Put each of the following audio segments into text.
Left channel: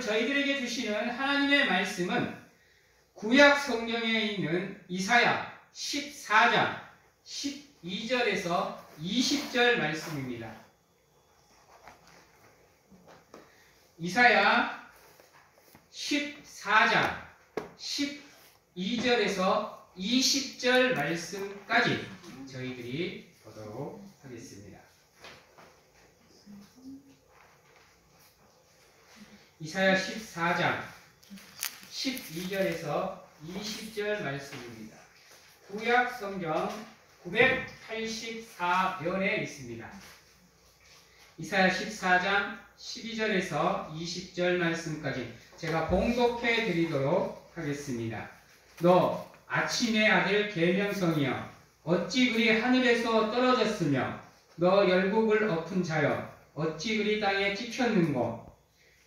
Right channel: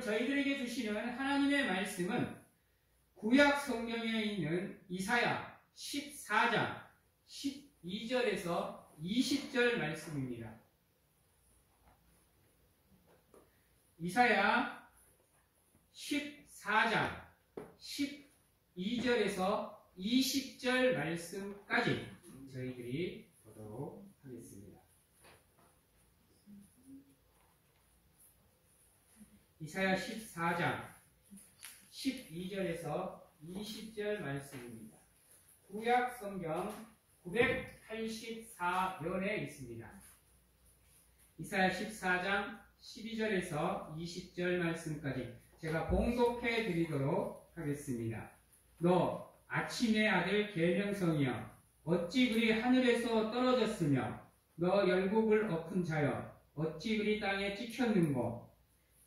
저희들에게 주시는 하나님의 말씀은 구약 성경에 있는 이사야 14장 12절에서 20절 말씀입니다. 이사야 14장 12절에서 20절 말씀까지 저희들이 보도록 하겠습니다. 이사야 14장 12절에서 20절 말씀입니다. 구약 성경 984면에 있습니다. 이사야 14장 12절에서 20절 말씀까지 제가 봉독해 드리도록 하겠습니다. 너 아침의 아들 계명성이여 어찌 그리 하늘에서 떨어졌으며 너 열국을 엎은 자여 어찌 그리 땅에 찍혔는고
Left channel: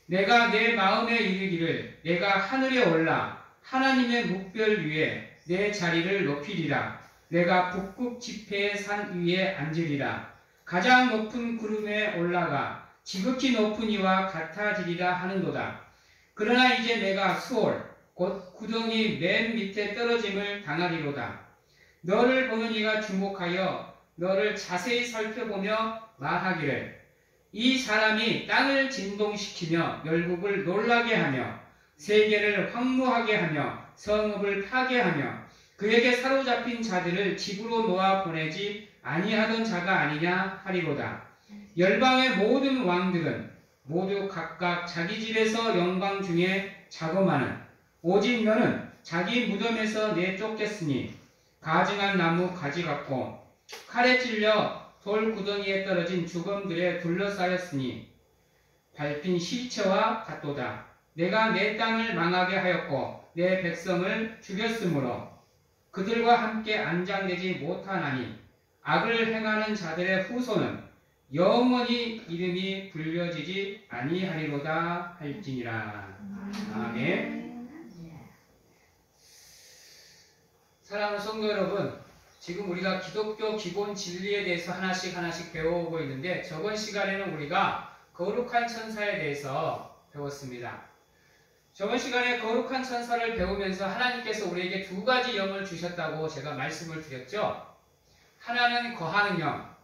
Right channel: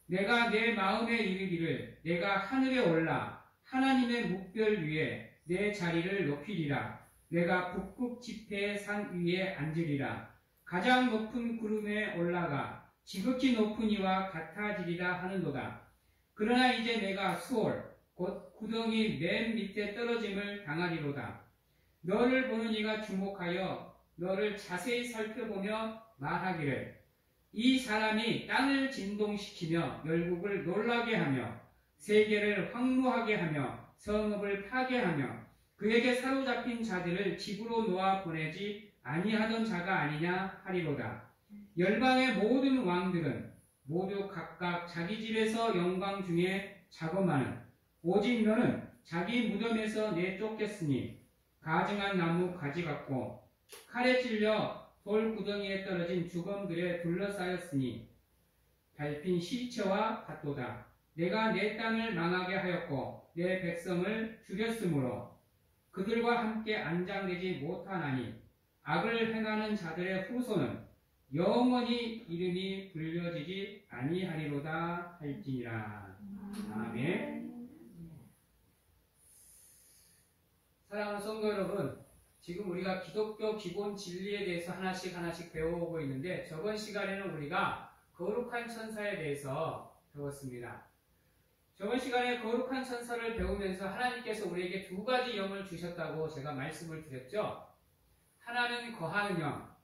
내가 내 마음에 이르기를 내가 하늘에 올라 하나님의 묵별 위에 내 자리를 높이리라. 내가 북극 지폐의 산 위에 앉으리라. 가장 높은 구름에 올라가 지극히 높은 이와 같아지리라 하는도다. 그러나 이제 내가 수월 곧 구덩이 맨 밑에 떨어짐을 당하리로다. 너를 보는 이가 주목하여 너를 자세히 살펴보며 말하기를 이 사람이 땅을 진동시키며 열국을 놀라게 하며 세계를 황무하게 하며 성읍을 파괴하며 그에게 사로잡힌 자들을 집으로 놓아 보내지 아니하던 자가 아니냐 하리로다. 열방의 모든 왕들은 모두 각각 자기 집에서 영광 중에 자고마는 오직 너는 자기 무덤에서 내쫓겠으니 가증한 나무 가지 같고 칼에 찔려 돌 구덩이에 떨어진 죽음들에 둘러싸였으니 밟힌 시체와 같도다. 내가 내 땅을 망하게 하였고 내 백성을 죽였으므로 그들과 함께 안장되지 못하나니 악을 행하는 자들의 후손은 영원히 이름이 불려지지 아니하리로다 할지니라. 아멘. 사랑하는 성도 여러분, 지금 우리가 기독교 기본 진리에 대해서 하나씩 배워오고 있는데 저번 시간에는 우리가 거룩한 천사에 대해서 배웠습니다. 저번 시간에 거룩한 천사를 배우면서 하나님께서 우리에게 두 가지 영을 주셨다고 제가 말씀을 드렸죠. 하나는 거하는 영,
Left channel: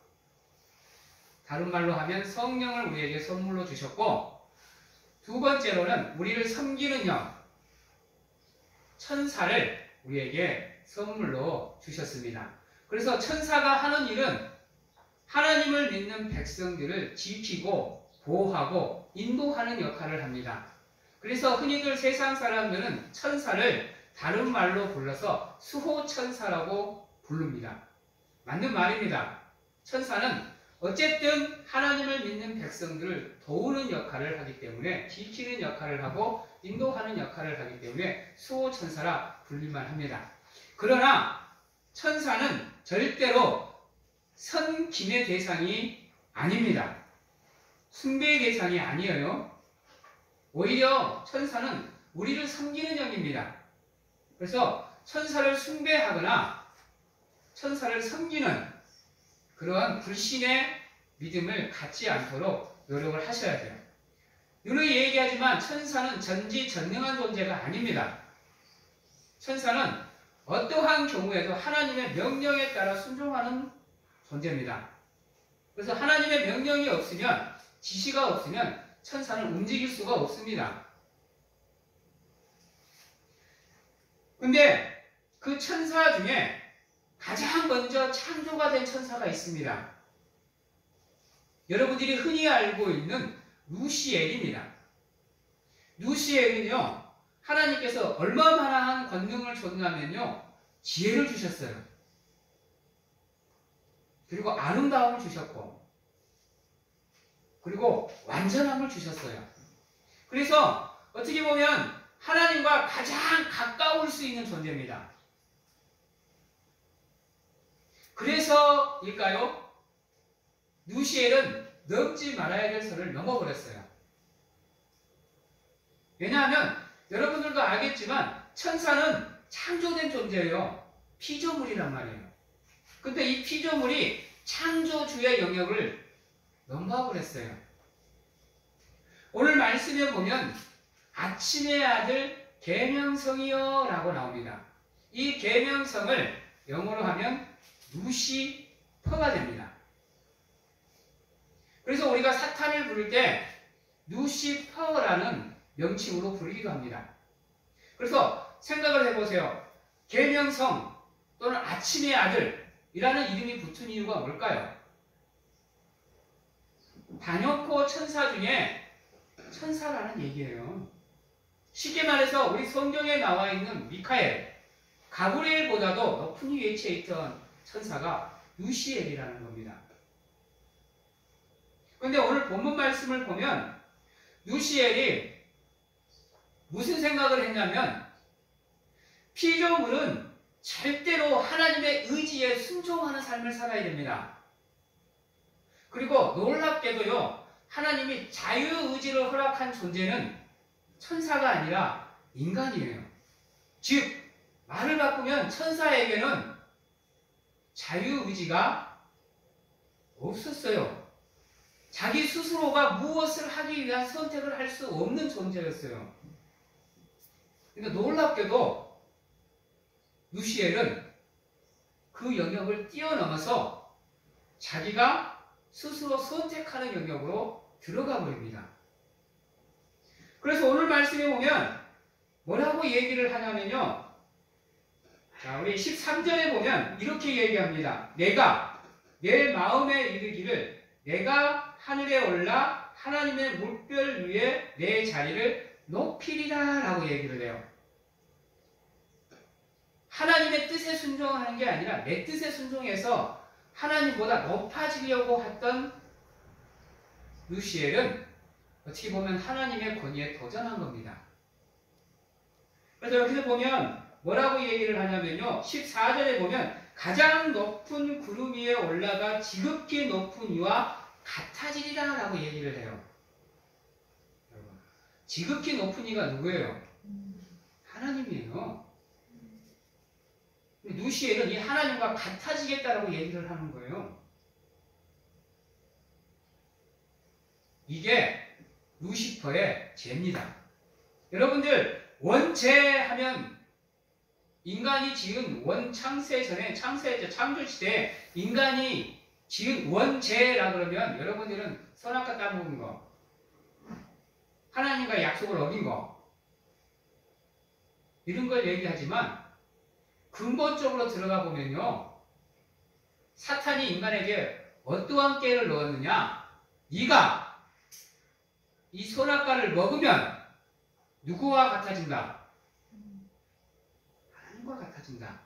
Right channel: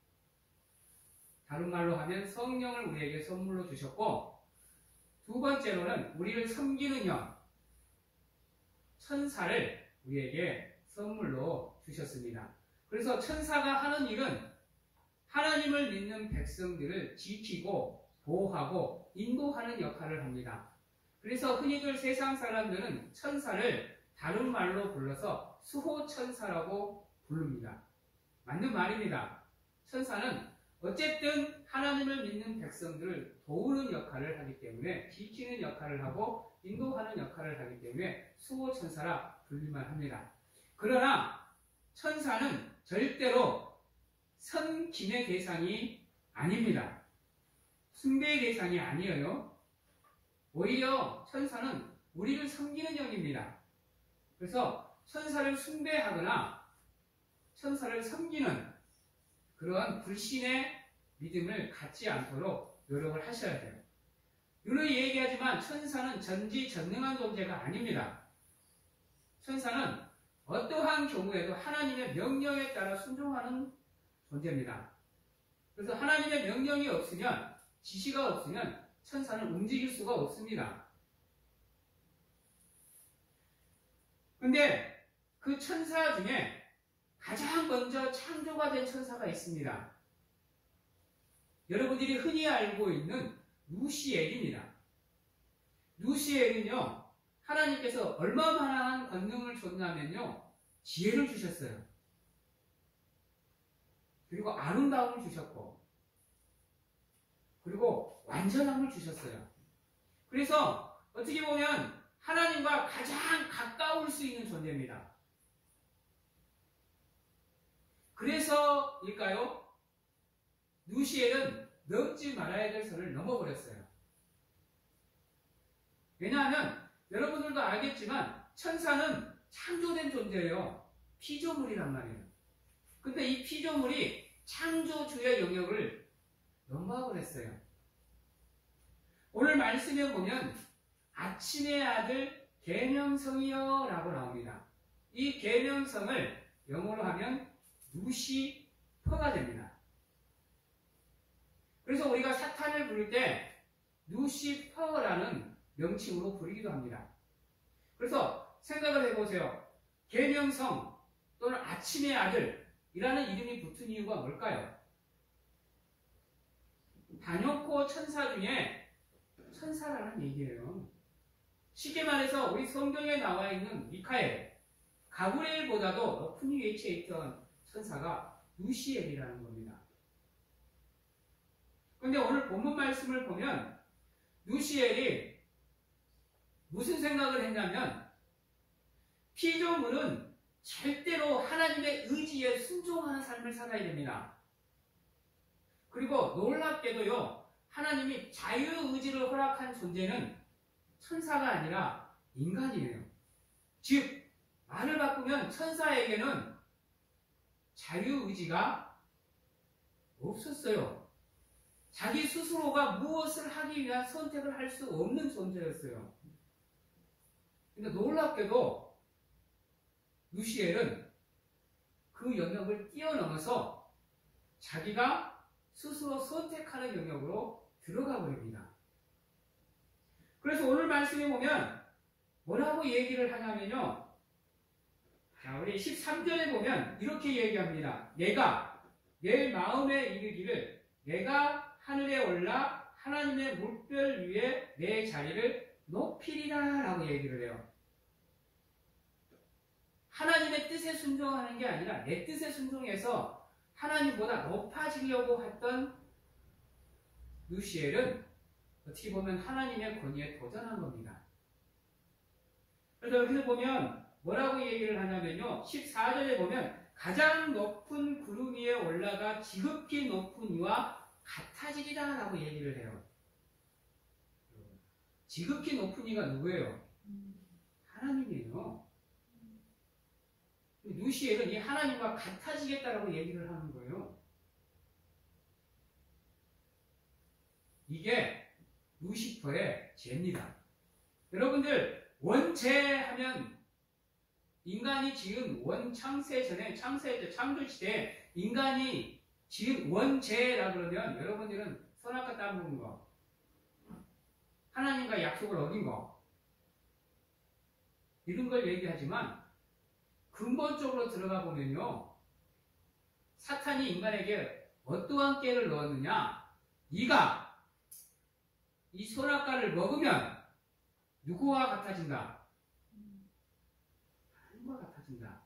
다른 말로 하면 성령을 우리에게 선물로 주셨고, 두 번째로는 우리를 섬기는 영, 천사를 우리에게 선물로 주셨습니다. 그래서 천사가 하는 일은 하나님을 믿는 백성들을 지키고 보호하고 인도하는 역할을 합니다. 그래서 흔히들 세상 사람들은 천사를 다른 말로 불러서 수호천사라고 부릅니다. 맞는 말입니다. 천사는 어쨌든 하나님을 믿는 백성들을 도우는 역할을 하기 때문에 지키는 역할을 하고 인도하는 역할을 하기 때문에 수호천사라 불릴만 합니다. 그러나 천사는 절대로 섬김의 대상이 아닙니다. 숭배의 대상이 아니에요. 오히려 천사는 우리를 섬기는 영입니다. 그래서 천사를 숭배하거나 천사를 섬기는 그러한 불신의 믿음을 갖지 않도록 노력을 하셔야 돼요. 누누이 얘기하지만 천사는 전지전능한 존재가 아닙니다. 천사는 어떠한 경우에도 하나님의 명령에 따라 순종하는 존재입니다. 그래서 하나님의 명령이 없으면, 지시가 없으면 천사는 움직일 수가 없습니다. 근데 그 천사 중에 가장 먼저 창조가 된 천사가 있습니다. 여러분들이 흔히 알고 있는 루시엘입니다. 루시엘은요, 하나님께서 얼마만한 권능을 줬냐면요, 지혜를 주셨어요. 그리고 아름다움을 주셨고, 그리고 완전함을 주셨어요. 그래서 어떻게 보면 하나님과 가장 가까울 수 있는 존재입니다. 그래서일까요? 루시엘은 넘지 말아야 될 선을 넘어버렸어요. 왜냐하면 여러분들도 알겠지만 천사는 창조된 존재예요. 피조물이란 말이에요. 근데 이 피조물이 창조주의 영역을 넘어버렸어요. 오늘 말씀에 보면 아침의 아들 계명성이여 라고 나옵니다. 이 계명성을 영어로 하면 루시퍼가 됩니다. 그래서 우리가 사탄을 부를 때 루시퍼라는 명칭으로 부르기도 합니다. 그래서 생각을 해보세요. 계명성 또는 아침의 아들이라는 이름이 붙은 이유가 뭘까요? 단연코 천사 중에 천사라는 얘기예요. 쉽게 말해서 우리 성경에 나와 있는 미카엘, 가브리엘보다도 높은 위치에 있던 천사가 루시엘이라는 겁니다. 그런데 오늘 본문 말씀을 보면 루시엘이 무슨 생각을 했냐면 피조물은 절대로 하나님의 의지에 순종하는 삶을 살아야 됩니다. 그리고 놀랍게도요, 하나님이 자유의지를 허락한 존재는 천사가 아니라 인간이에요. 즉, 말을 바꾸면 천사에게는 자유의지가 없었어요. 자기 스스로가 무엇을 하기 위한 선택을 할 수 없는 존재였어요. 근데 놀랍게도 루시엘은 그 영역을 뛰어넘어서 자기가 스스로 선택하는 영역으로 들어가 버립니다. 그래서 오늘 말씀에 보면 뭐라고 얘기를 하냐면요. 자, 우리 13절에 보면 이렇게 얘기합니다. 내가 내 마음에 이르기를 내가 하늘에 올라 하나님의 물별 위에 내 자리를 높이리라 라고 얘기를 해요. 하나님의 뜻에 순종하는 게 아니라 내 뜻에 순종해서 하나님보다 높아지려고 했던 루시엘은 어떻게 보면 하나님의 권위에 도전한 겁니다. 그래서 여기서 보면 뭐라고 얘기를 하냐면요. 14절에 보면 가장 높은 구름 위에 올라가 지극히 높은 이와 같아지리라 라고 얘기를 해요. 지극히 높은 이가 누구예요? 하나님이에요. 루시엘은 이 하나님과 같아지겠다라고 얘기를 하는 거예요. 이게 루시퍼의 죄입니다. 여러분들 원죄하면 인간이 지은 원창세 전에 창조시대에 인간이 지은 원죄라 그러면 여러분들은 선악과 따먹은 거, 하나님과 약속을 어긴 거 이런 걸 얘기하지만 근본적으로 들어가 보면요. 사탄이 인간에게 어떠한 깨를 넣었느냐? 네가 이 선악과를 먹으면 누구와 같아진다? 하나님과 같아진다.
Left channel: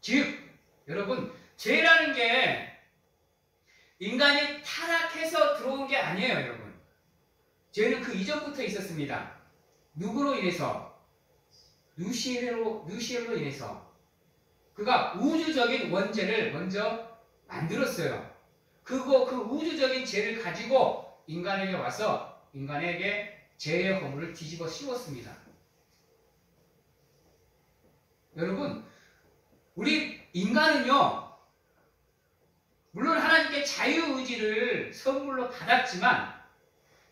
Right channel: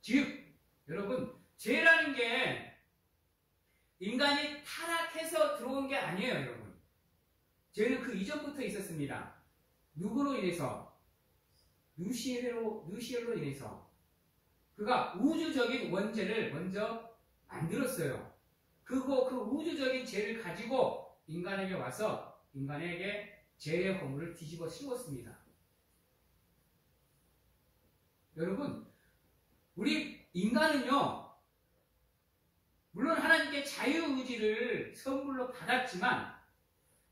즉, 여러분, 죄라는 게 인간이 타락해서 들어온 게 아니에요, 여러분. 죄는 그 이전부터 있었습니다. 누구로 인해서? 루시엘로 인해서. 그가 우주적인 원죄를 먼저 만들었어요. 그 우주적인 죄를 가지고 인간에게 와서 인간에게 죄의 허물을 뒤집어 씌웠습니다. 여러분, 우리 인간은요, 물론 하나님께 자유의지를 선물로 받았지만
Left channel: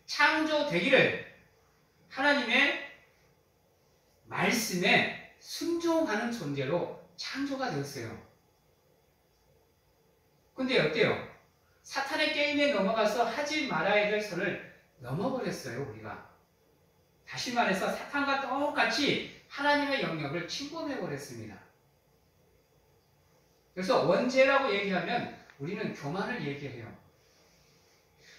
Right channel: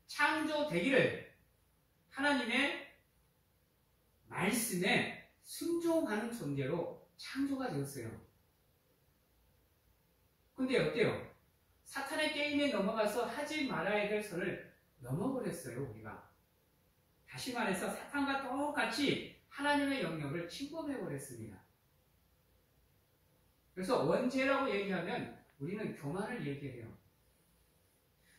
창조되기를 하나님의 말씀에 순종하는 존재로 창조가 되었어요. 근데 어때요? 사탄의 게임에 넘어가서 하지 말아야 될 선을 넘어버렸어요, 우리가. 다시 말해서 사탄과 똑같이 하나님의 영역을 침범해버렸습니다. 그래서 원죄라고 얘기하면 우리는 교만을 얘기해요.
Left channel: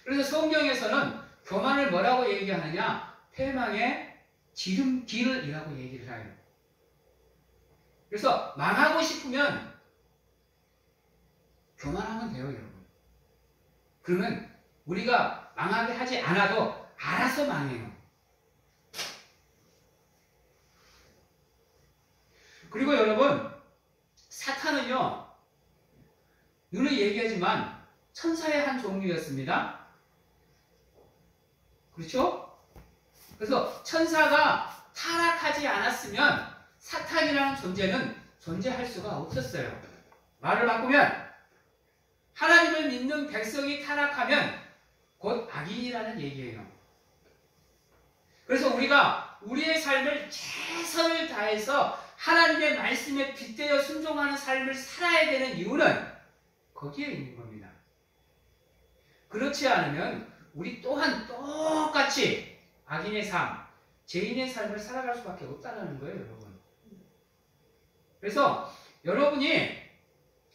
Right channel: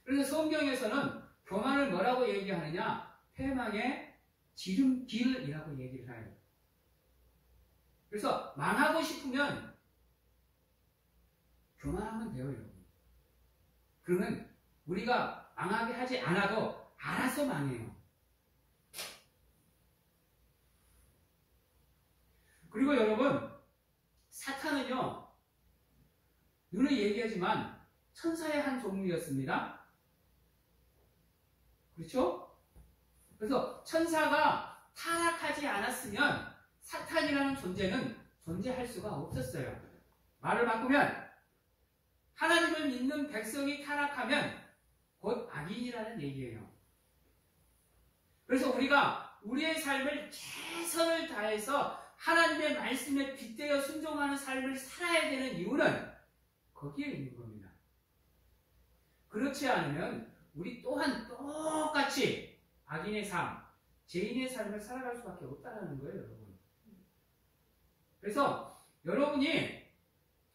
그래서 성경에서는 교만을 뭐라고 얘기하느냐? 패망의 지름길이라고 얘기를 해요. 그래서 망하고 싶으면 교만하면 돼요, 여러분. 그러면 우리가 망하게 하지 않아도 알아서 망해요. 그리고 여러분, 사탄은요, 늘 얘기하지만 천사의 한 종류였습니다. 그렇죠? 그래서 천사가 타락하지 않았으면 사탄이라는 존재는 존재할 수가 없었어요. 말을 바꾸면 하나님을 믿는 백성이 타락하면 곧 악인이라는 얘기예요. 그래서 우리가 우리의 삶을 최선을 다해서 하나님의 말씀에 빗대어 순종하는 삶을 살아야 되는 이유는 거기에 있는 겁니다. 그렇지 않으면 우리 또한 똑같이 악인의 삶, 죄인의 삶을 살아갈 수밖에 없다는 거예요, 여러분. 그래서 여러분이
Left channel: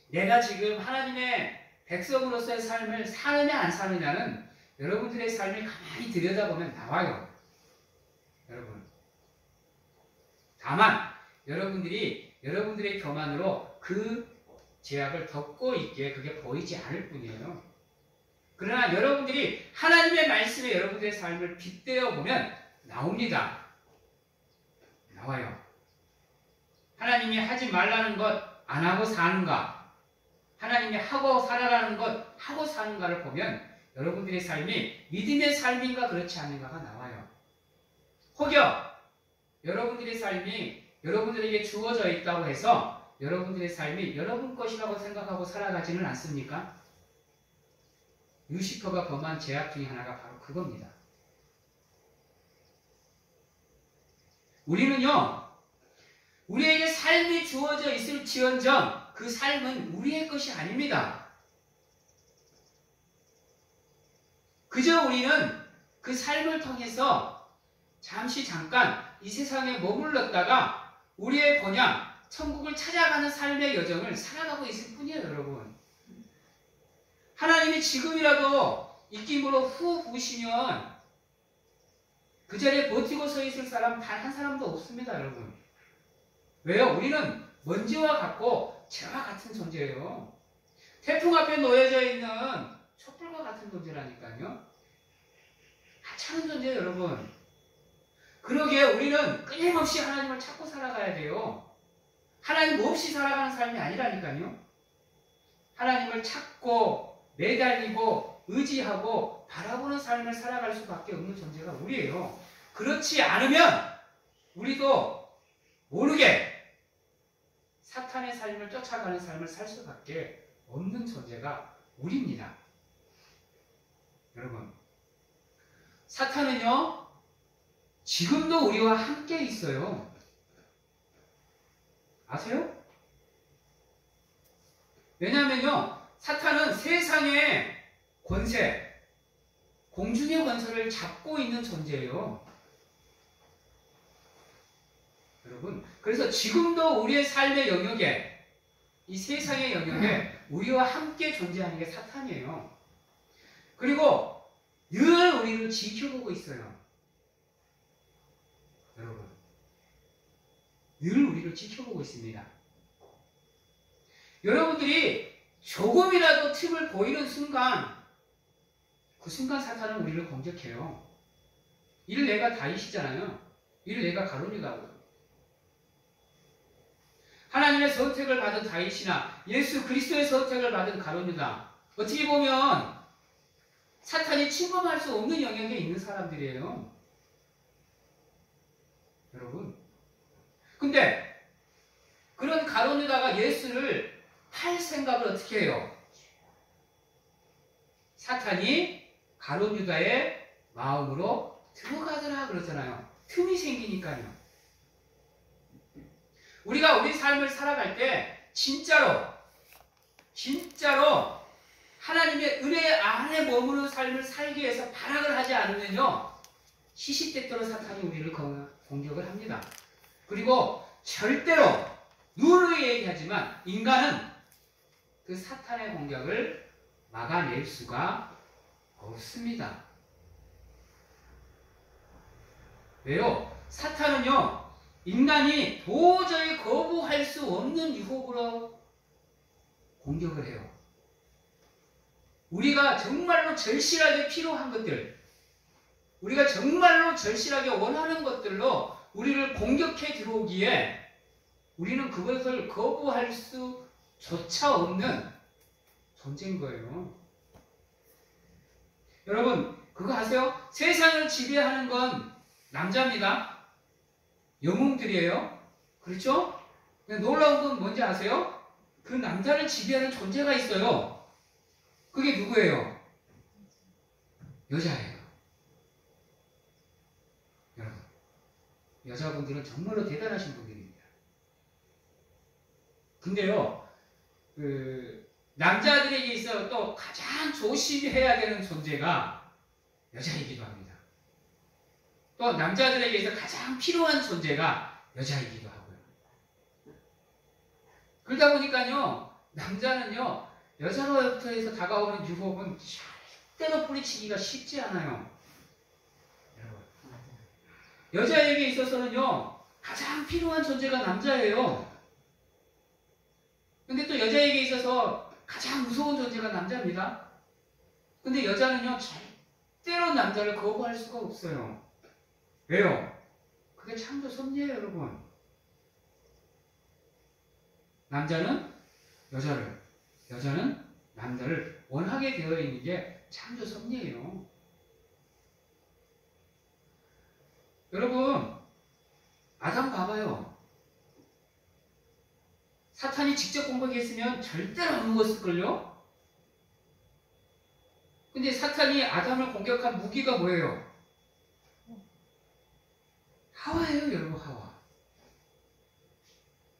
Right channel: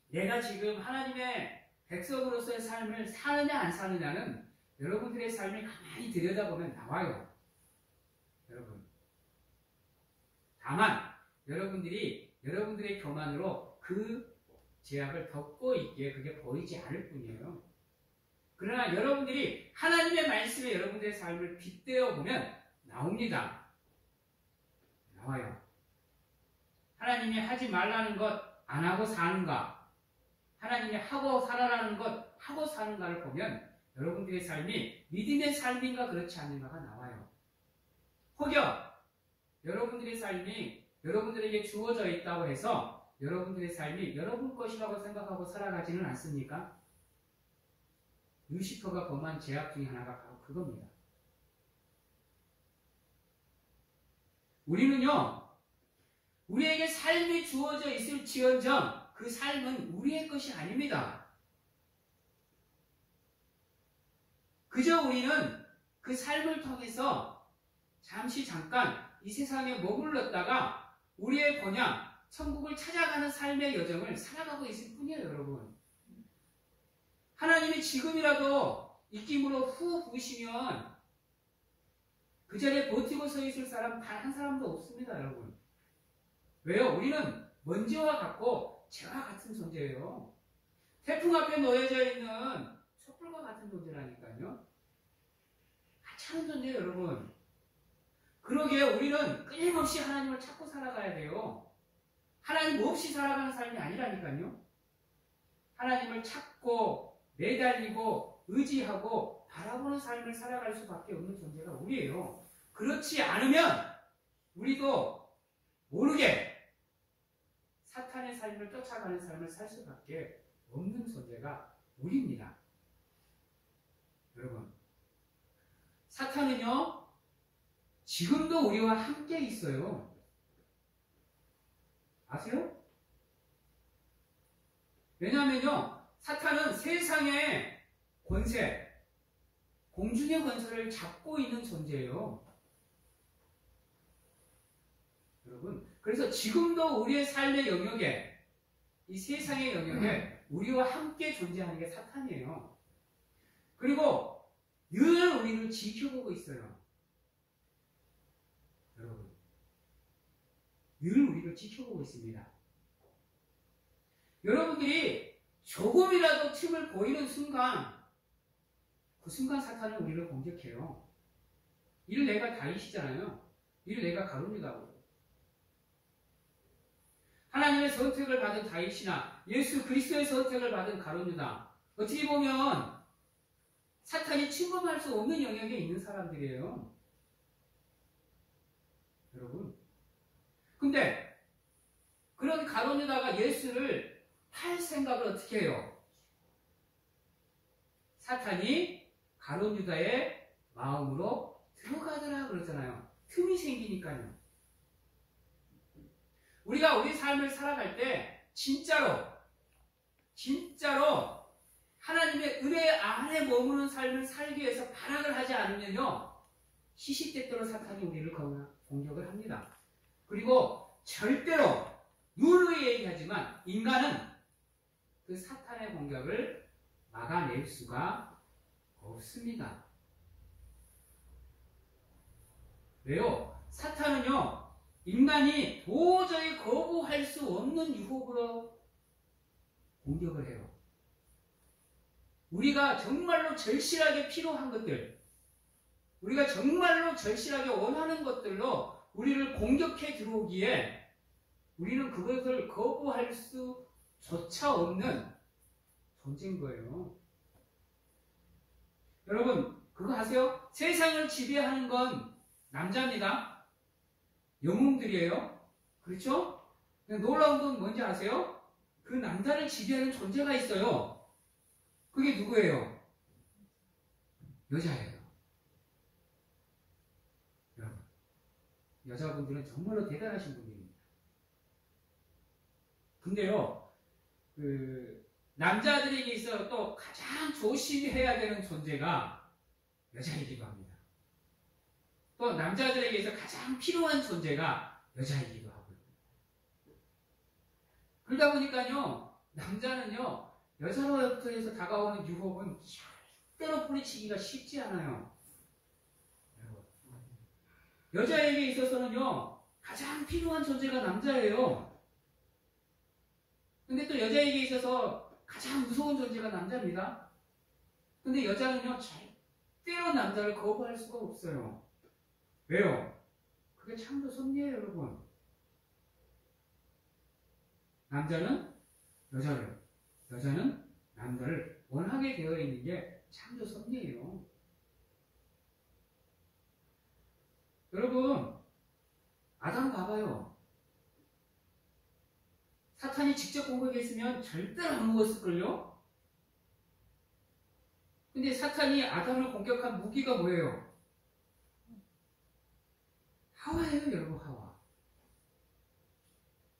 내가 지금 하나님의 백성으로서의 삶을 사느냐 안 사느냐는 여러분들의 삶을 가만히 들여다보면 나와요. 여러분. 다만 여러분들이 여러분들의 교만으로 그 죄악을 덮고 있기에 그게 보이지 않을 뿐이에요. 그러나 여러분들이 하나님의 말씀에 여러분들의 삶을 빗대어 보면 나옵니다. 나와요. 하나님이 하지 말라는 것 안 하고 사는가, 하나님이 하고 살아라는 것 하고 사는가를 보면 여러분들의 삶이 믿음의 삶인가 그렇지 않은가가 나와요. 혹여 여러분들의 삶이 여러분들에게 주어져 있다고 해서 여러분들의 삶이 여러분 것이라고 생각하고 살아가지는 않습니까? 루시퍼가 범한 죄악 중에 하나가 바로 그겁니다. 우리는요, 우리에게 삶이 주어져 있을지언정 그 삶은 우리의 것이 아닙니다. 그저 우리는 그 삶을 통해서 잠깐 이 세상에 머물렀다가 우리의 본향, 천국을 찾아가는 삶의 여정을 살아가고 있을 뿐이에요, 여러분. 하나님이 지금이라도 입김으로 후 부으시면 그 자리에 버티고 서 있을 사람 단 한 사람도 없습니다, 여러분. 왜요? 우리는 먼지와 같고 재와 같은 존재예요. 태풍 앞에 놓여져 있는 촛불과 같은 존재라니까요. 하찮은 존재예요, 여러분. 그러기에 우리는 끊임없이 하나님을 찾고 살아가야 돼요. 하나님 없이 살아가는 삶이 아니라니까요. 하나님을 찾고 매달리고 의지하고 바라보는 삶을 살아갈 수밖에 없는 존재가 우리예요. 그렇지 않으면 우리도 모르게 사탄의 삶을 쫓아가는 삶을 살 수밖에 없는 존재가 우리입니다. 여러분, 사탄은요, 지금도 우리와 함께 있어요. 아세요? 왜냐하면요, 사탄은 세상의 권세, 공중의 권세를 잡고 있는 존재예요. 여러분, 그래서 지금도 우리의 삶의 영역에, 이 세상의 영역에 우리와 함께 존재하는 게 사탄이에요. 그리고 늘 우리를 지켜보고 있어요. 여러분, 늘 우리를 지켜보고 있습니다. 여러분들이 조금이라도 틈을 보이는 순간, 그 순간 사탄은 우리를 공격해요. 이를 내가 다윗이잖아요. 이를 내가 가룟유다고. 하나님의 선택을 받은 다윗이나 예수 그리스도의 선택을 받은 가룟유다, 어떻게 보면 사탄이 침범할 수 없는 영역에 있는 사람들이에요. 여러분, 근데 그런 가룟유다가 예수를 팔 생각을 어떻게 해요? 사탄이 가룟유다의 마음으로 들어가더라 그러잖아요. 틈이 생기니까요. 우리가 우리 삶을 살아갈 때 진짜로 하나님의 은혜 안에 머무는 삶을 살기 위해서 발악을 하지 않으면요, 시시때때로 사탄이 우리를 공격을 합니다. 그리고 절대로 누누이 얘기하지만 인간은 그 사탄의 공격을 막아낼 수가 없습니다. 왜요? 사탄은요, 인간이 도저히 거부할 수 없는 유혹으로 공격을 해요. 우리가 정말로 절실하게 필요한 것들, 우리가 정말로 절실하게 원하는 것들로 우리를 공격해 들어오기에 우리는 그것을 거부할 수조차 없는 존재인 거예요. 여러분, 그거 아세요? 세상을 지배하는 건 남자입니다. 영웅들이에요. 그렇죠? 놀라운 건 뭔지 아세요? 그 남자를 지배하는 존재가 있어요. 그게 누구예요? 여자예요. 여러분, 여자분들은 정말로 대단하신 분들입니다. 근데요, 남자들에게 있어 또 가장 조심해야 되는 존재가 여자이기도 합니다. 또 남자들에게 있어 가장 필요한 존재가 여자이기도 하고요. 그러다 보니까요, 남자는요, 여자로부터 해서 다가오는 유혹은 절대로 뿌리치기가 쉽지 않아요. 여자에게 있어서는요, 가장 필요한 존재가 남자예요. 근데 또 여자에게 있어서 가장 무서운 존재가 남자입니다. 근데 여자는요, 절대로 남자를 거부할 수가 없어요. 왜요? 그게 참도 섭리예요, 여러분. 남자는 여자를, 여자는 남자를 원하게 되어 있는 게 참도 섭리예요. 여러분, 아담 봐봐요. 사탄이 직접 공격했으면 절대로 안 먹었을걸요? 근데 사탄이 아담을 공격한 무기가 뭐예요? 하와예요, 여러분, 하와.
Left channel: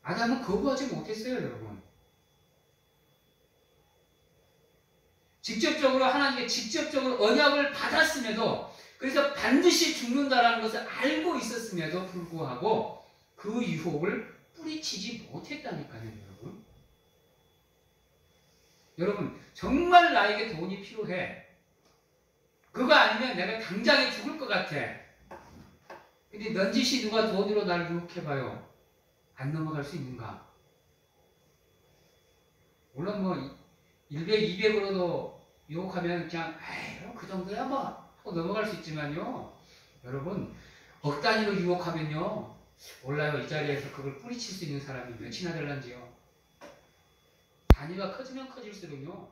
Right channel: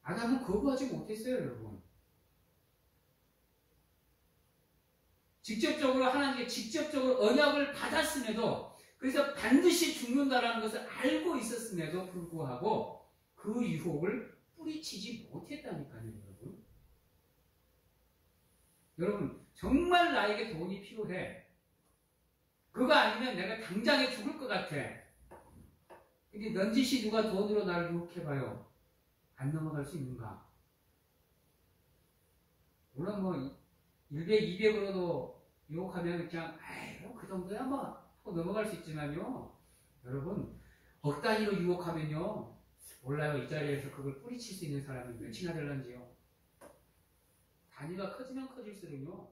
아담은 거부하지 못했어요, 여러분. 직접적으로 하나님께 직접적으로 언약을 받았음에도, 그래서 반드시 죽는다라는 것을 알고 있었음에도 불구하고 그 유혹을 뿌리치지 못했다니까요, 여러분. 여러분, 정말 나에게 돈이 필요해. 그거 아니면 내가 당장에 죽을 것 같아. 근데 넌지시 누가 돈으로 나를 유혹해봐요. 안 넘어갈 수 있는가? 물론 뭐 100, 200으로도 유혹하면 그냥 에이, 그 정도야 뭐 하고 넘어갈 수 있지만요. 여러분, 억 단위로 유혹하면요. 몰라요. 이 자리에서 그걸 뿌리칠 수 있는 사람이 몇이나 될런지요. 단위가 커지면 커질수록요.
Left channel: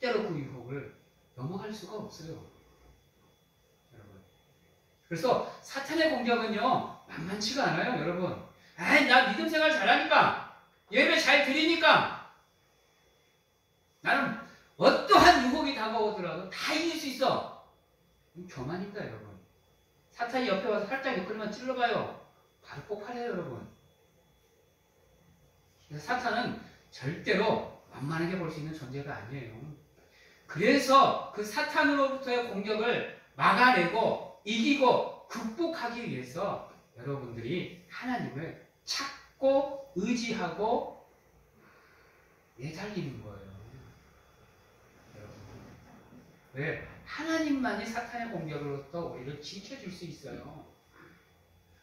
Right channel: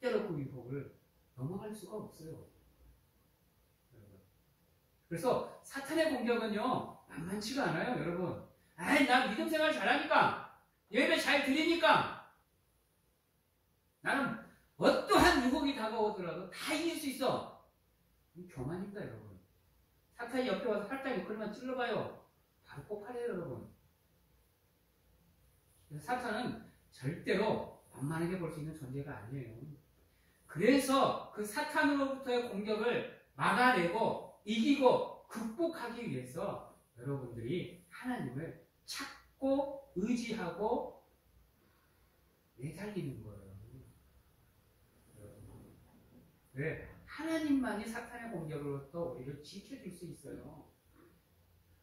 절대로 그 유혹을 넘어갈 수가 없어요. 여러분. 그래서 사탄의 공격은요. 만만치가 않아요. 여러분. 아이, 나 믿음 생활 잘하니까, 예배 잘 드리니까, 나는 어떠한 유혹이 다가오더라도 다 이길 수 있어. 교만입니다, 여러분. 사탄이 옆에 와서 살짝 옆구리만 찔러봐요. 바로 폭발해요, 여러분. 그래서 사탄은 절대로 만만하게 볼 수 있는 존재가 아니에요. 그래서 그 사탄으로부터의 공격을 막아내고 이기고 극복하기 위해서 여러분들이 하나님을 찾고 의지하고 내달리는 거예요. 왜? 하나님만이 사탄의 공격으로부터 우리를 지켜줄 수 있어요.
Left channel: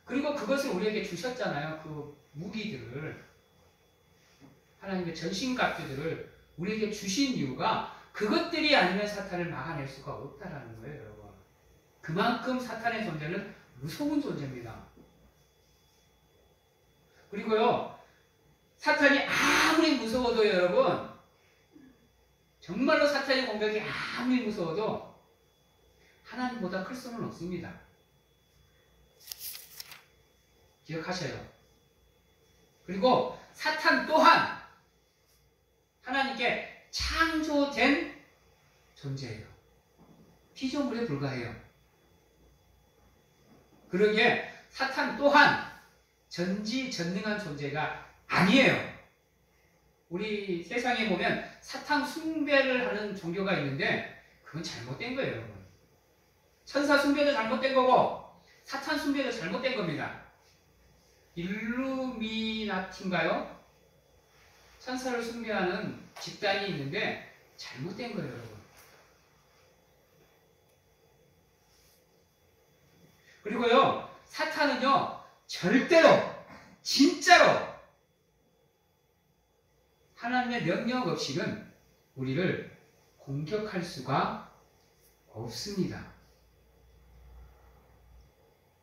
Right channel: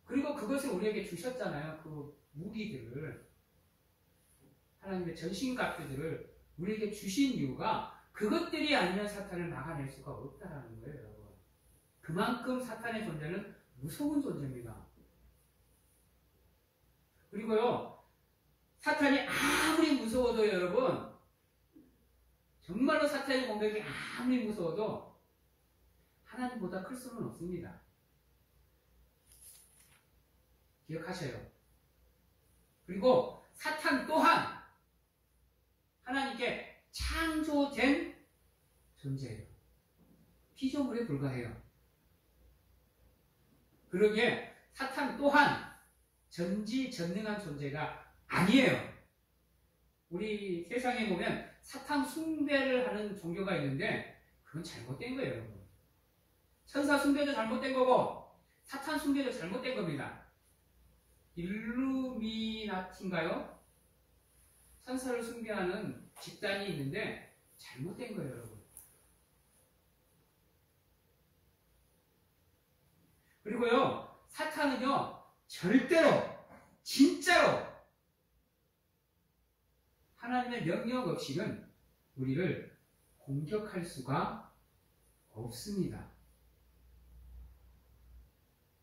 그리고 그것을 우리에게 주셨잖아요. 그 무기들을, 하나님의 전신갑주들을 우리에게 주신 이유가 그것들이 아니면 사탄을 막아낼 수가 없다라는 거예요, 여러분. 그만큼 사탄의 존재는 무서운 존재입니다. 그리고요, 사탄이 아무리 무서워도 여러분, 정말로 사탄의 공격이 아무리 무서워도 하나님보다 클 수는 없습니다. 기억하셔요. 그리고 사탄 또한 하나님께 창조된 존재예요. 피조물에 불과해요. 그러기에 사탄 또한 전지전능한 존재가 아니에요. 우리 세상에 보면 사탄 숭배를 하는 종교가 있는데 그건 잘못된 거예요, 여러분. 천사 숭배도 잘못된 거고 사탄 숭배도 잘못된 겁니다. 일루미나티인가요? 천사를 숭배하는 집단이 있는데 잘못된 거예요, 여러분. 그리고요, 사탄은요, 절대로, 진짜로 하나님의 명령 없이는 우리를 공격할 수가 없습니다.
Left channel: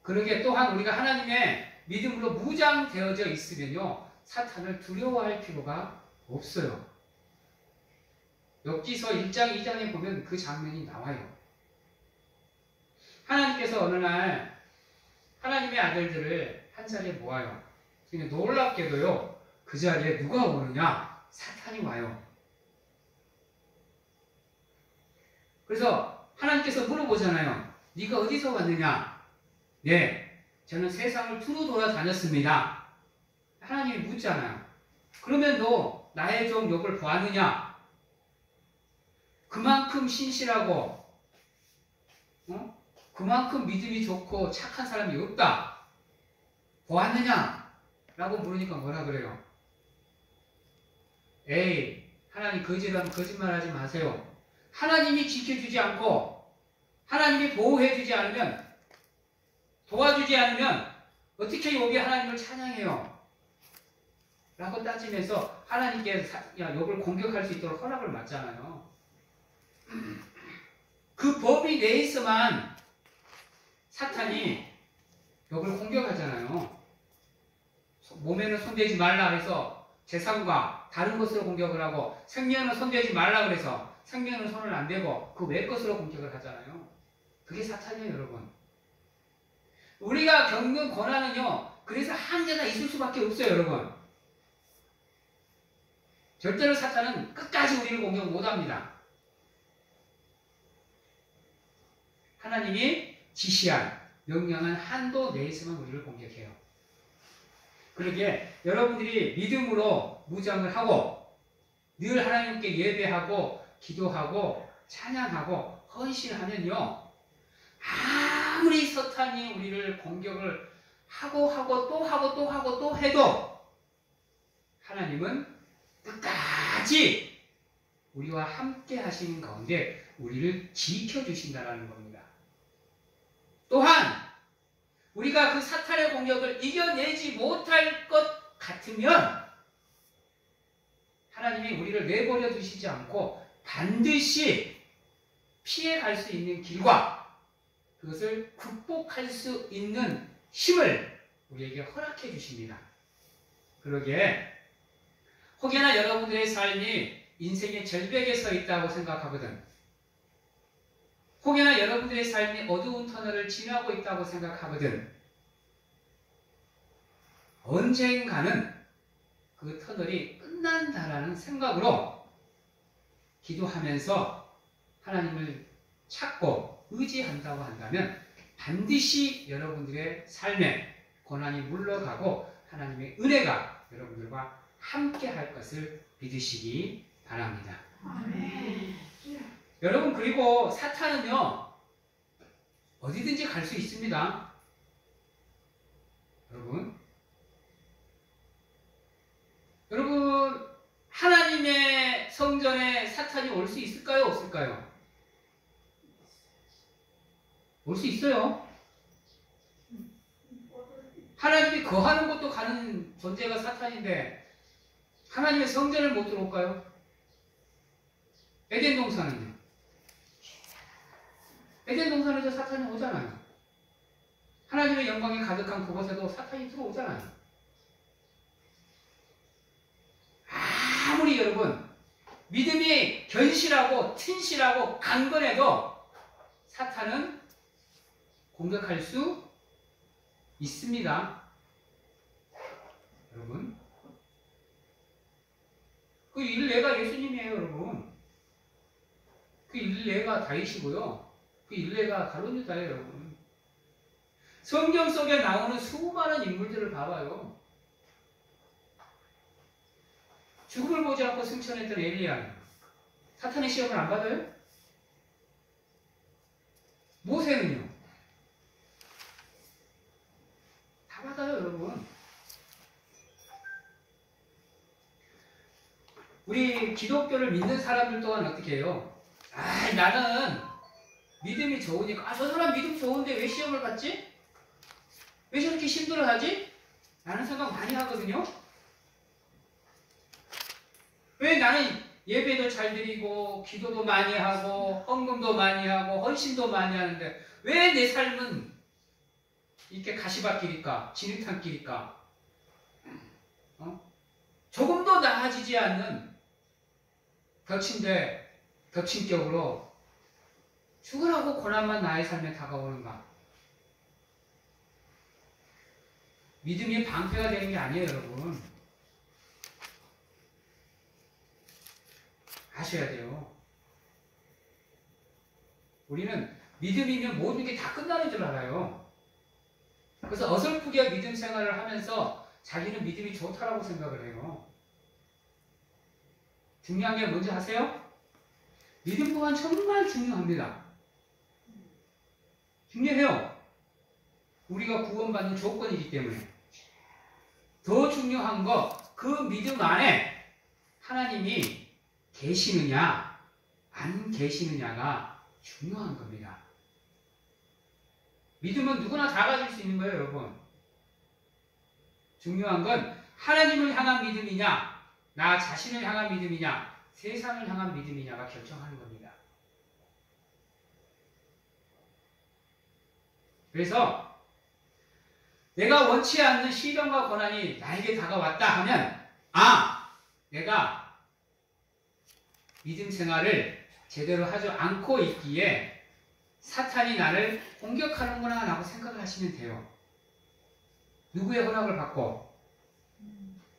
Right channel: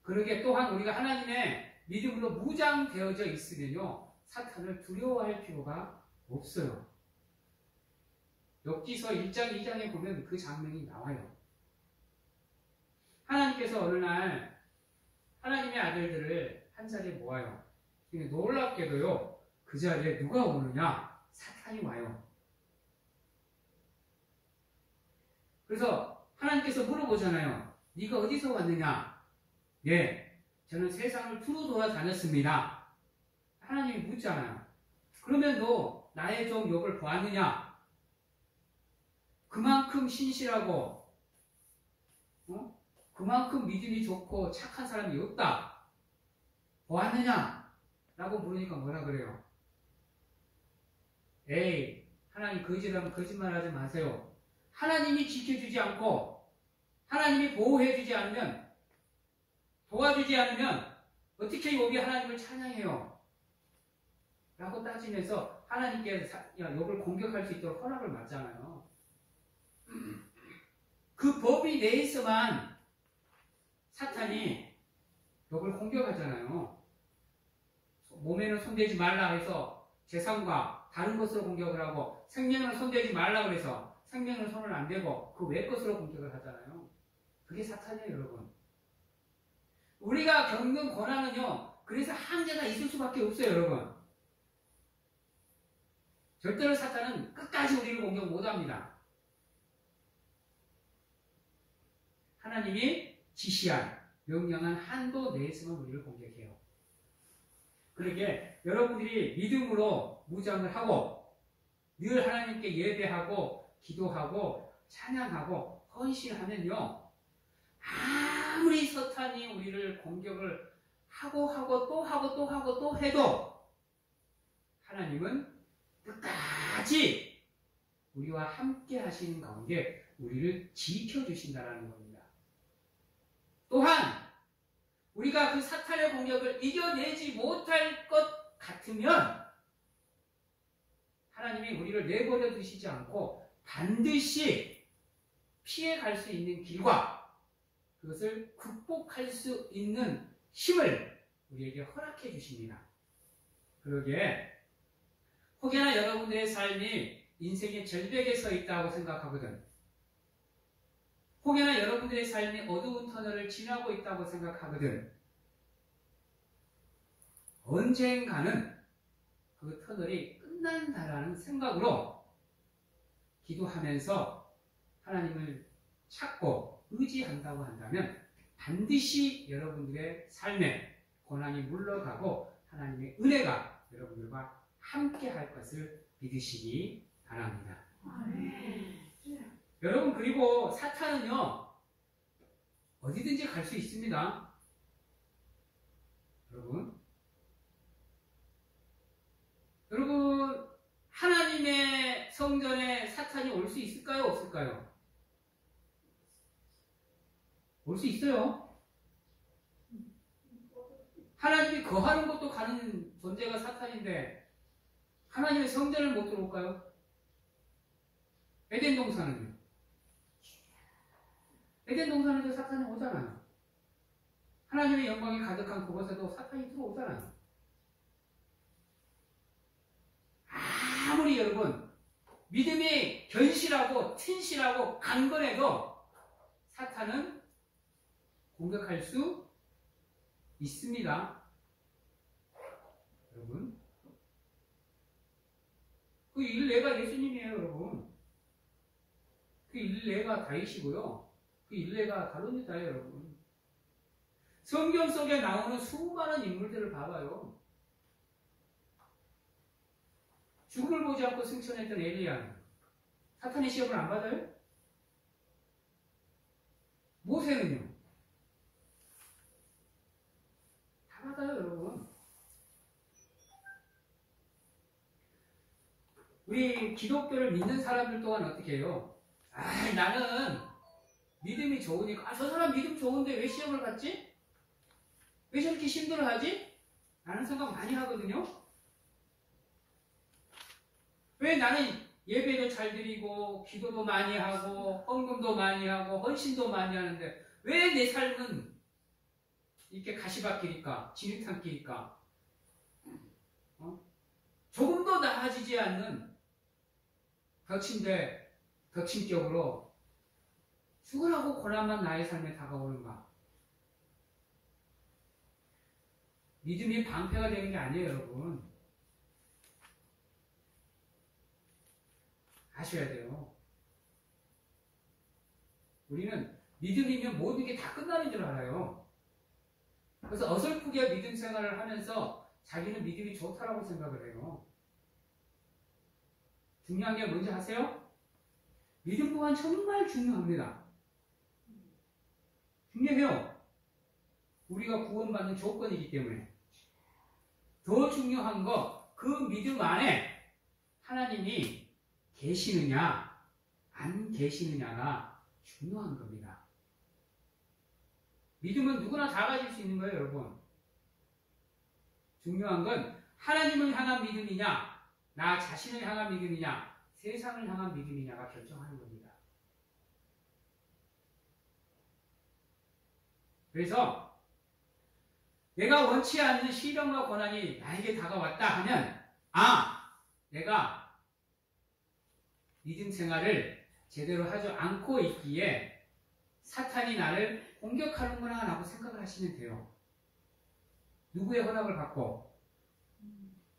그러기에 또한 우리가 하나님의 믿음으로 무장되어져 있으면요, 사탄을 두려워할 필요가 없어요. 욥기서 1장, 2장에 보면 그 장면이 나와요. 하나님께서 어느 날 하나님의 아들들을 한 자리에 모아요. 놀랍게도요, 그 자리에 누가 오느냐? 사탄이 와요. 그래서 하나님께서 물어보잖아요. 네가 어디서 왔느냐? 네, 저는 세상을 두루 돌아다녔습니다. 하나님이 묻잖아요. 그러면 너 나의 종 욥을 보았느냐? 그만큼 신실하고 그만큼 믿음이 좋고 착한 사람이 없다. 보았느냐? 라고 물으니까 뭐라 그래요? 에이, 하나님 거짓말하지 마세요. 하나님이 지켜주지 않고 하나님이 보호해주지 않으면, 도와주지 않으면 어떻게 욥이 하나님을 찬양해요? 라고 따지면서 하나님께 욥을 공격할 수 있도록 허락을 맞잖아요. 그 법이 내에서만 사탄이 욥을 공격하잖아요. 몸에는 손대지 말라 해서 재산과 다른 것으로 공격을 하고, 생명은 손대지 말라 그래서 생명은 손을 안 대고 그 외 것으로 공격을 하잖아요. 그게 사탄이에요, 여러분. 우리가 겪는 고난은요, 그래서 한계가 있을 수밖에 없어요, 여러분. 절대로 사탄은 끝까지 우리를 공격 못합니다. 하나님이 지시한 명령한 한도 내에서만 우리를 공격해요. 그러기에 여러분들이 믿음으로 무장을 하고 늘 하나님께 예배하고 기도하고 찬양하고 헌신하면요, 아무리 사탄이 우리를 공격을 하고 또 해도 하나님은 끝까지 우리와 함께 하시는 가운데 우리를 지켜주신다는 겁니다. 또한 우리가 그 사탄의 공격을 이겨내지 못할 것 같으면 하나님이 우리를 내버려 두시지 않고 반드시 피해갈 수 있는 길과 그것을 극복할 수 있는 힘을 우리에게 허락해 주십니다. 그러기에 혹여나 여러분들의 삶이 인생의 절벽에 서 있다고 생각하거든, 혹여나 여러분들의 삶이 어두운 터널을 지나고 있다고 생각하거든, 언젠가는 그 터널이 끝난다라는 생각으로 기도하면서 하나님을 찾고 의지한다고 한다면 반드시 여러분들의 삶에 고난이 물러가고 하나님의 은혜가 여러분들과 함께 할 것을 믿으시기 바랍니다. 아멘. 여러분, 그리고 사탄은요, 어디든지 갈 수 있습니다. 여러분, 하나님의 성전에 사탄이 올 수 있을까요? 없을까요? 올 수 있어요. 하나님이 거하는 곳도 가는 존재가 사탄인데 하나님의 성전을 못 들어올까요? 에덴 동산은요? 에덴 동산에도 사탄이 오잖아요. 하나님의 영광이 가득한 그곳에도 사탄이 들어오잖아요. 아무리 여러분 믿음이 견실하고 튼실하고 강건해도 사탄은 공격할 수 있습니다. 여러분, 그 일례가 예수님이에요. 여러분, 그 일례가 다윗이고요, 그 일례가 가룟 유다예요. 여러분, 성경 속에 나오는 수많은 인물들을 봐봐요. 죽음을 보지 않고 승천했던 엘리야, 사탄의 시험을 안 받아요? 모세는요? 다 받아요. 여러분, 우리 기독교를 믿는 사람들 또한 어떻게 해요? 나는 믿음이 좋으니까, 저 사람 믿음 좋은데 왜 시험을 받지? 왜 저렇게 힘들어하지? 라는 생각 많이 하거든요. 왜 나는 예배도 잘 드리고 기도도 많이 하고 헌금도 많이 하고 헌신도 많이 하는데 왜 내 삶은 이렇게 가시밭길일까? 진흙탕길일까? 조금도 나아지지 않는 겹친격으로 죽으라고 고난만 나의 삶에 다가오는가? 믿음이 방패가 되는 게 아니에요. 여러분, 아셔야 돼요. 우리는 믿음이면 모든 게 다 끝나는 줄 알아요. 그래서 어설프게 믿음 생활을 하면서 자기는 믿음이 좋다라고 생각을 해요. 중요한 게 뭔지 아세요? 믿음 또한 정말 중요합니다. 중요해요. 우리가 구원받는 조건이기 때문에. 더 중요한 거, 그 믿음 안에 하나님이 계시느냐, 안 계시느냐가 중요한 겁니다. 믿음은 누구나 다 가질 수 있는 거예요, 여러분. 중요한 건 하나님을 향한 믿음이냐, 나 자신을 향한 믿음이냐, 세상을 향한 믿음이냐가 결정하는 겁니다. 그래서 내가 원치 않는 시련과 고난이 나에게 다가왔다 하면 내가 믿음 생활을 제대로 하지 않고 있기에 사탄이 나를 공격하는구나 라고 생각을 하시면 돼요. 누구의 허락을 받고?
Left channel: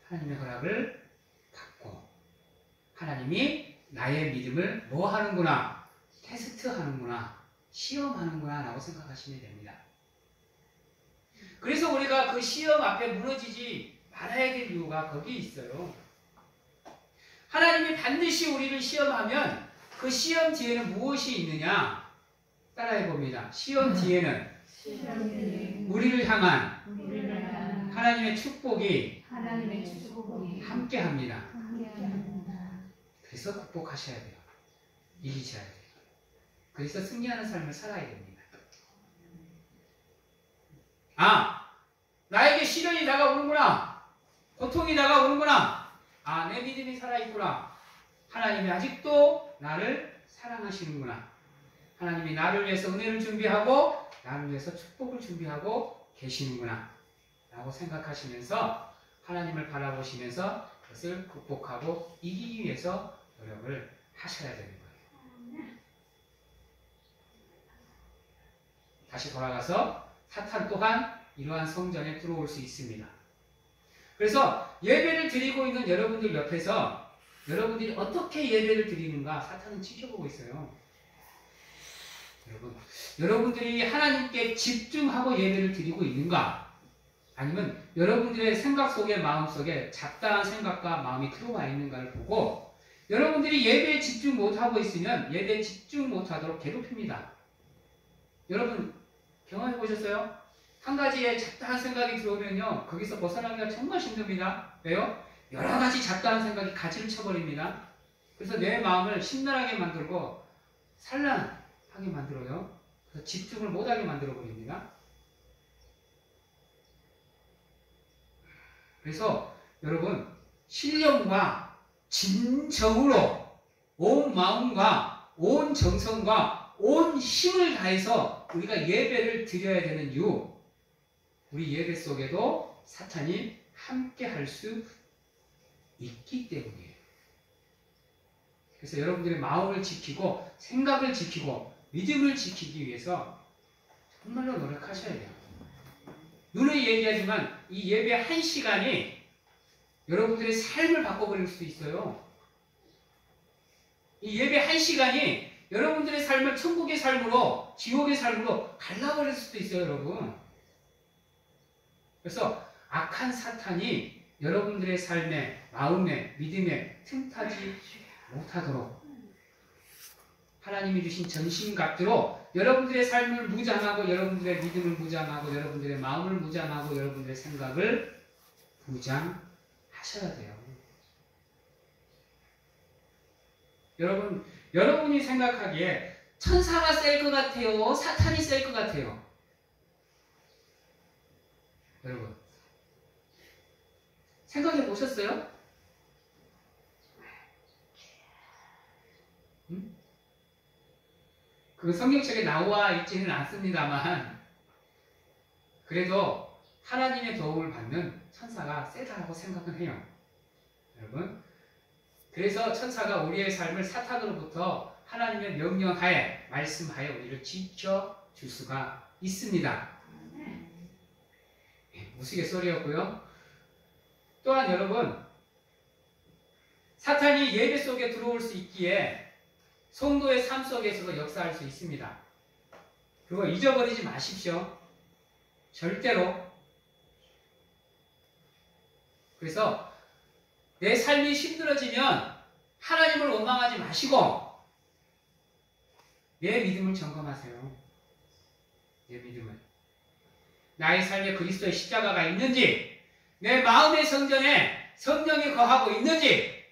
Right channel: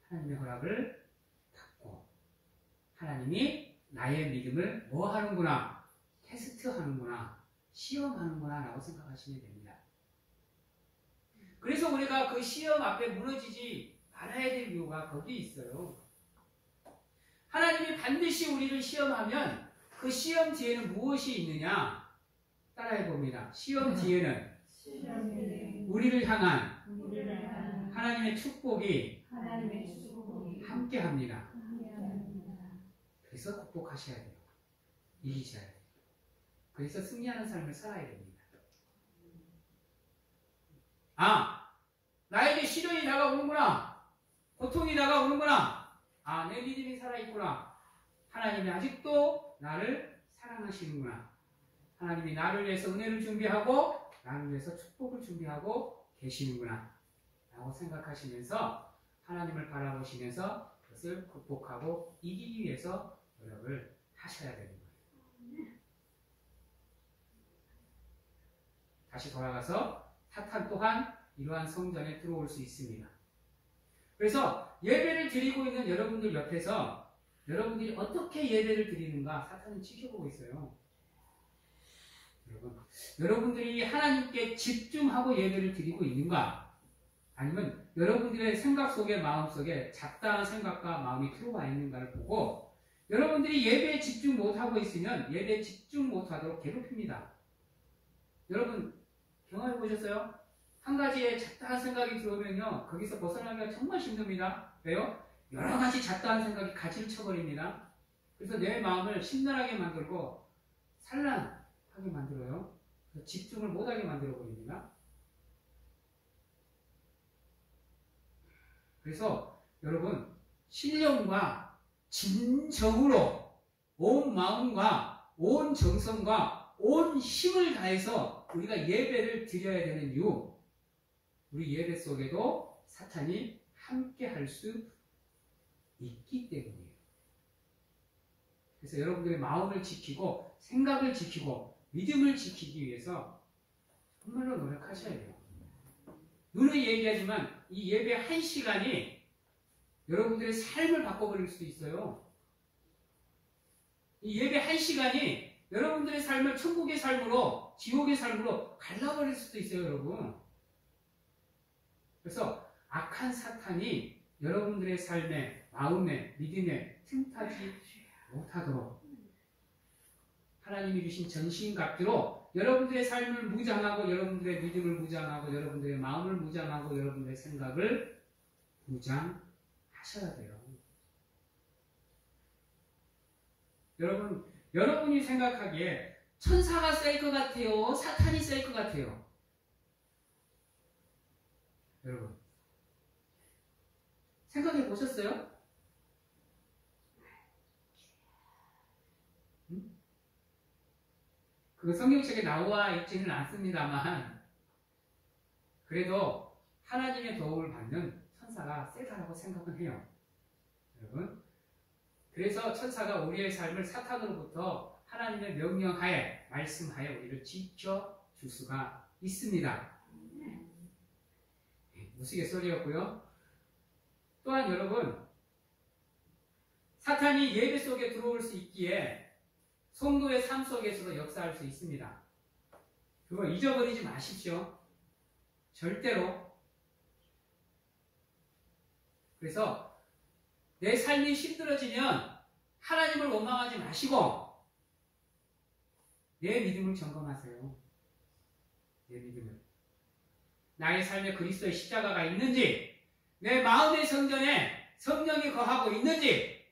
하나님의 허락을 받고 하나님이 나의 믿음을 뭐 하는구나? 테스트하는구나, 시험하는구나 라고 생각하시면 됩니다. 그래서 우리가 그 시험 앞에 무너지지 말아야 될 이유가 거기 있어요. 하나님이 반드시 우리를 시험하면 그 시험 뒤에는 무엇이 있느냐? 따라해 봅니다. 시험 뒤에는 우리를 향한 하나님의 축복이 함께합니다. 그래서 극복하셔야 돼요. 이기셔야 돼요. 그래서 승리하는 삶을 살아야 됩니다. 나에게 시련이 다가오는구나. 고통이 다가오는구나. 내 믿음이 살아있구나. 하나님이 아직도 나를 사랑하시는구나. 하나님이 나를 위해서 은혜를 준비하고 나를 위해서 축복을 준비하고 계시는구나 라고 생각하시면서 하나님을 바라보시면서 그것을 극복하고 이기기 위해서 노력을 하셔야 되는 거예요. 다시 돌아가서 사탄 또한 이러한 성전에 들어올 수 있습니다. 그래서 예배를 드리고 있는 여러분들 옆에서 여러분들이 어떻게 예배를 드리는가 사탄은 지켜보고 있어요. 여러분들이 하나님께 집중하고 예배를 드리고 있는가? 아니면 여러분들의 생각 속에 마음 속에 잡다한 생각과 마음이 들어와 있는가를 보고 여러분들이 예배에 집중 못하고 있으면 예배에 집중 못하도록 괴롭힙니다. 여러분 경험해 보셨어요? 한 가지의 잡다한 생각이 들어오면요 거기서 벗어나기가 정말 힘듭니다. 왜요? 여러 가지 잡다한 생각이 가지를 쳐버립니다. 그래서 내 마음을 심란하게 만들고 산란하게 만들어요. 그래서 집중을 못하게 만들어버립니다. 그래서 여러분 신령과 진정으로 온 마음과 온 정성과 온 힘을 다해서 우리가 예배를 드려야 되는 이유, 우리 예배 속에도 사탄이 함께 할 수 있기 때문이에요. 그래서 여러분들의 마음을 지키고 생각을 지키고 믿음을 지키기 위해서 정말로 노력하셔야 돼요. 눈에 얘기하지만 이 예배 한 시간이 여러분들의 삶을 바꿔버릴 수도 있어요. 이 예배 한 시간이 여러분들의 삶을 천국의 삶으로 지옥의 삶으로 갈라버릴 수도 있어요, 여러분. 그래서 악한 사탄이 여러분들의 삶에, 마음에, 믿음에 틈타지 못하도록 하나님이 주신 전신갑주로 여러분들의 삶을 무장하고 여러분들의 믿음을 무장하고 여러분들의 마음을 무장하고 여러분들의 생각을 무장하셔야 돼요. 여러분이 생각하기에 천사가 셀 것 같아요? 사탄이 셀 것 같아요? 여러분 생각해 보셨어요? 그 성경책에 나와 있지는 않습니다만 그래도 하나님의 도움을 받는 천사가 세다라고 생각은 해요. 여러분 그래서 천사가 우리의 삶을 사탄으로부터 하나님의 명령하에 말씀하에 우리를 지켜줄 수가 있습니다. 우스갯소리였고요. 또한 여러분 사탄이 예배 속에 들어올 수 있기에 성도의 삶 속에서도 역사할 수 있습니다. 그거 잊어버리지 마십시오. 절대로. 그래서 내 삶이 힘들어지면 하나님을 원망하지 마시고 내 믿음을 점검하세요. 내 믿음을. 나의 삶에 그리스도의 십자가가 있는지, 내 마음의 성전에 성령이 거하고 있는지,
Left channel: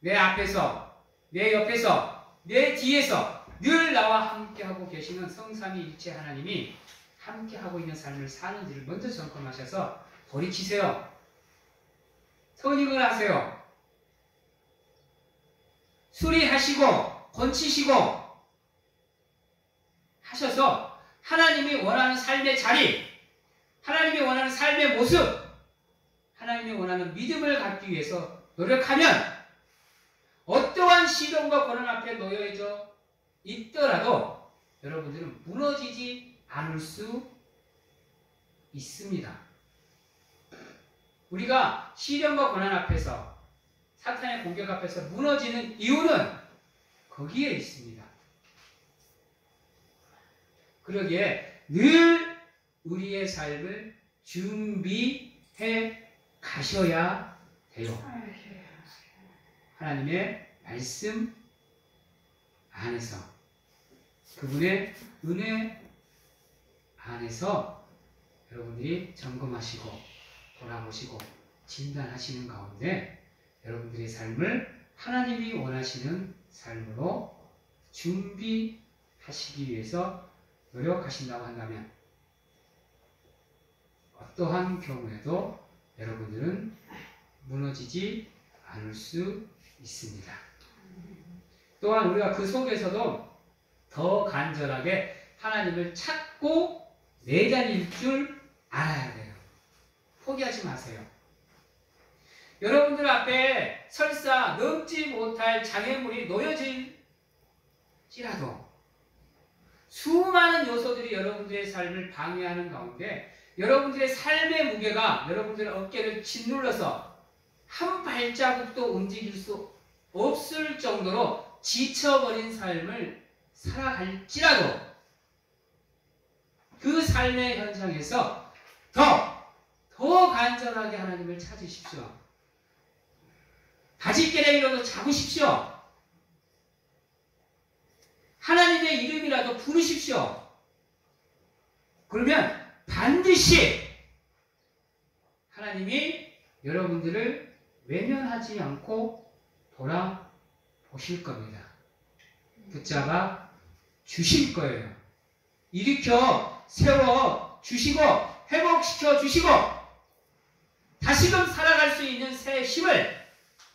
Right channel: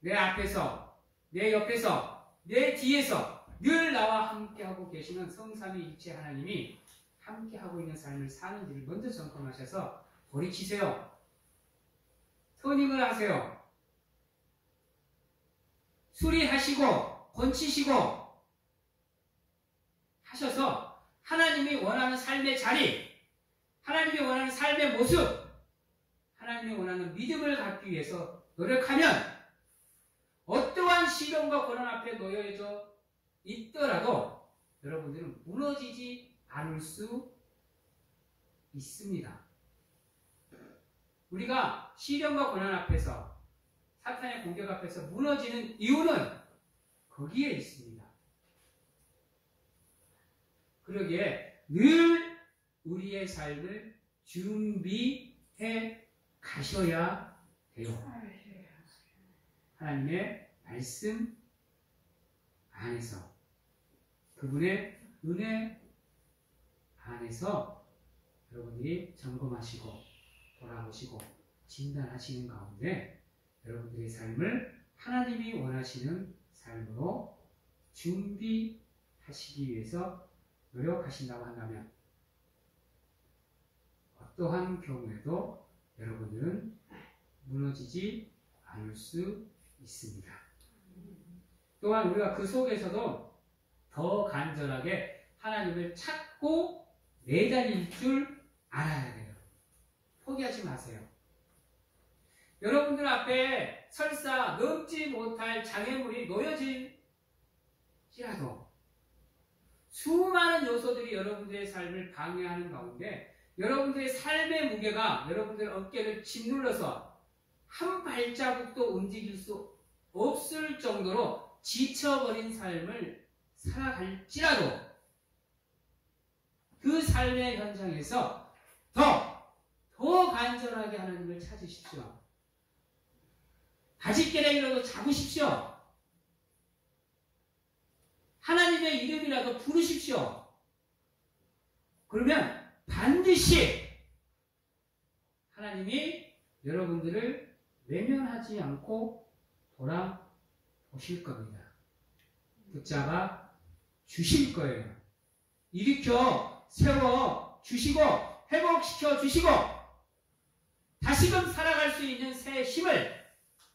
내 앞에서, 내 옆에서, 내 뒤에서 늘 나와 함께하고 계시는 성삼위일체 하나님이 함께하고 있는 삶을 사는지를 먼저 점검하셔서 돌이키세요. 선임을 하세요. 수리하시고 고치시고 하셔서 하나님이 원하는 삶의 자리, 하나님이 원하는 삶의 모습, 하나님이 원하는 믿음을 갖기 위해서 노력하면 어떠한 시련과 고난 앞에 놓여져 있더라도 여러분들은 무너지지 않을 수 있습니다. 우리가 시련과 고난 앞에서, 사탄의 공격 앞에서 무너지는 이유는 거기에 있습니다. 그러기에 늘 우리의 삶을 준비해 가셔야 돼요. 하나님의 말씀 안에서, 그분의 은혜 안에서 여러분들이 점검하시고 돌아보시고 진단하시는 가운데 여러분들의 삶을 하나님이 원하시는 삶으로 준비하시기 위해서 노력하신다고 한다면 어떠한 경우에도 여러분들은 무너지지 않을 수 있습니다. 또한 우리가 그 속에서도 더 간절하게 하나님을 찾고 매달릴 줄 알아야 돼요. 포기하지 마세요. 여러분들 앞에 설사 넘지 못할 장애물이 놓여질지라도 수많은 요소들이 여러분들의 삶을 방해하는 가운데 여러분들의 삶의 무게가 여러분들의 어깨를 짓눌러서 한 발자국도 움직일 수 없을 정도로 지쳐버린 삶을 살아갈지라도 그 삶의 현장에서 더 간절하게 하나님을 찾으십시오. 바짓개라이라도 잡으십시오. 하나님의 이름이라도 부르십시오. 그러면 반드시 하나님이 여러분들을 외면하지 않고 돌아보실 겁니다. 붙잡아 주실 거예요. 일으켜 세워 주시고 회복시켜 주시고 다시금 살아갈 수 있는 새 힘을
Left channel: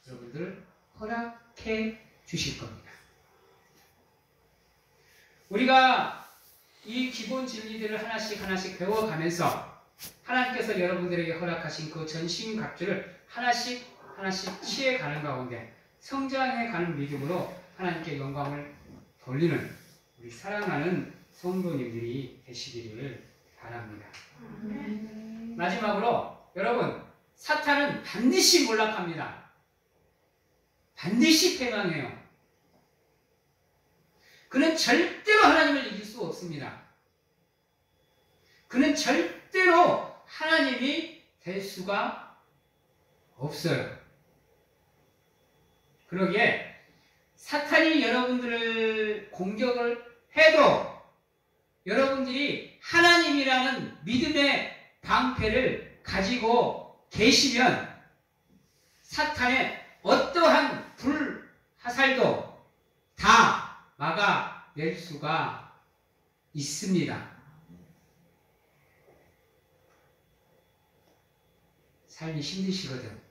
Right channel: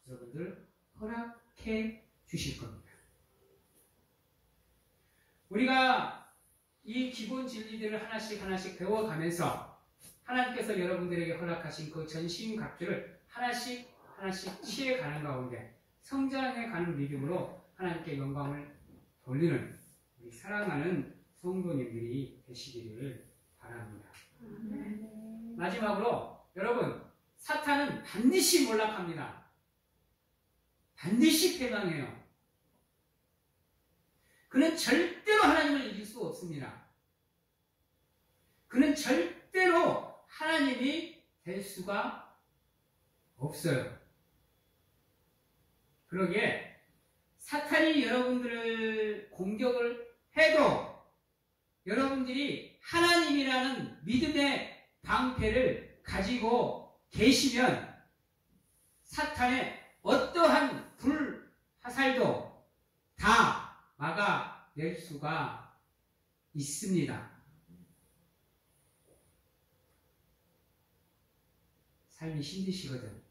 여러분들 허락해 주실 겁니다. 우리가 이 기본 진리들을 하나씩 배워가면서 하나님께서 여러분들에게 허락하신 그 전신갑주를 하나씩 취해가는 가운데 성장해가는 믿음으로 하나님께 영광을 돌리는 우리 사랑하는 성도님들이 되시기를 바랍니다. 마지막으로 여러분, 사탄은 반드시 몰락합니다. 반드시 패망해요. 그는 절대로 하나님을 이길 수 없습니다. 그는 절대로 하나님이 될 수가 없어요. 그러기에 사탄이 여러분들을 공격을 해도 여러분들이 하나님이라는 믿음의 방패를 가지고 계시면 사탄의 어떠한 불화살도 다 막아낼 수가 있습니다. 삶이 힘드시거든,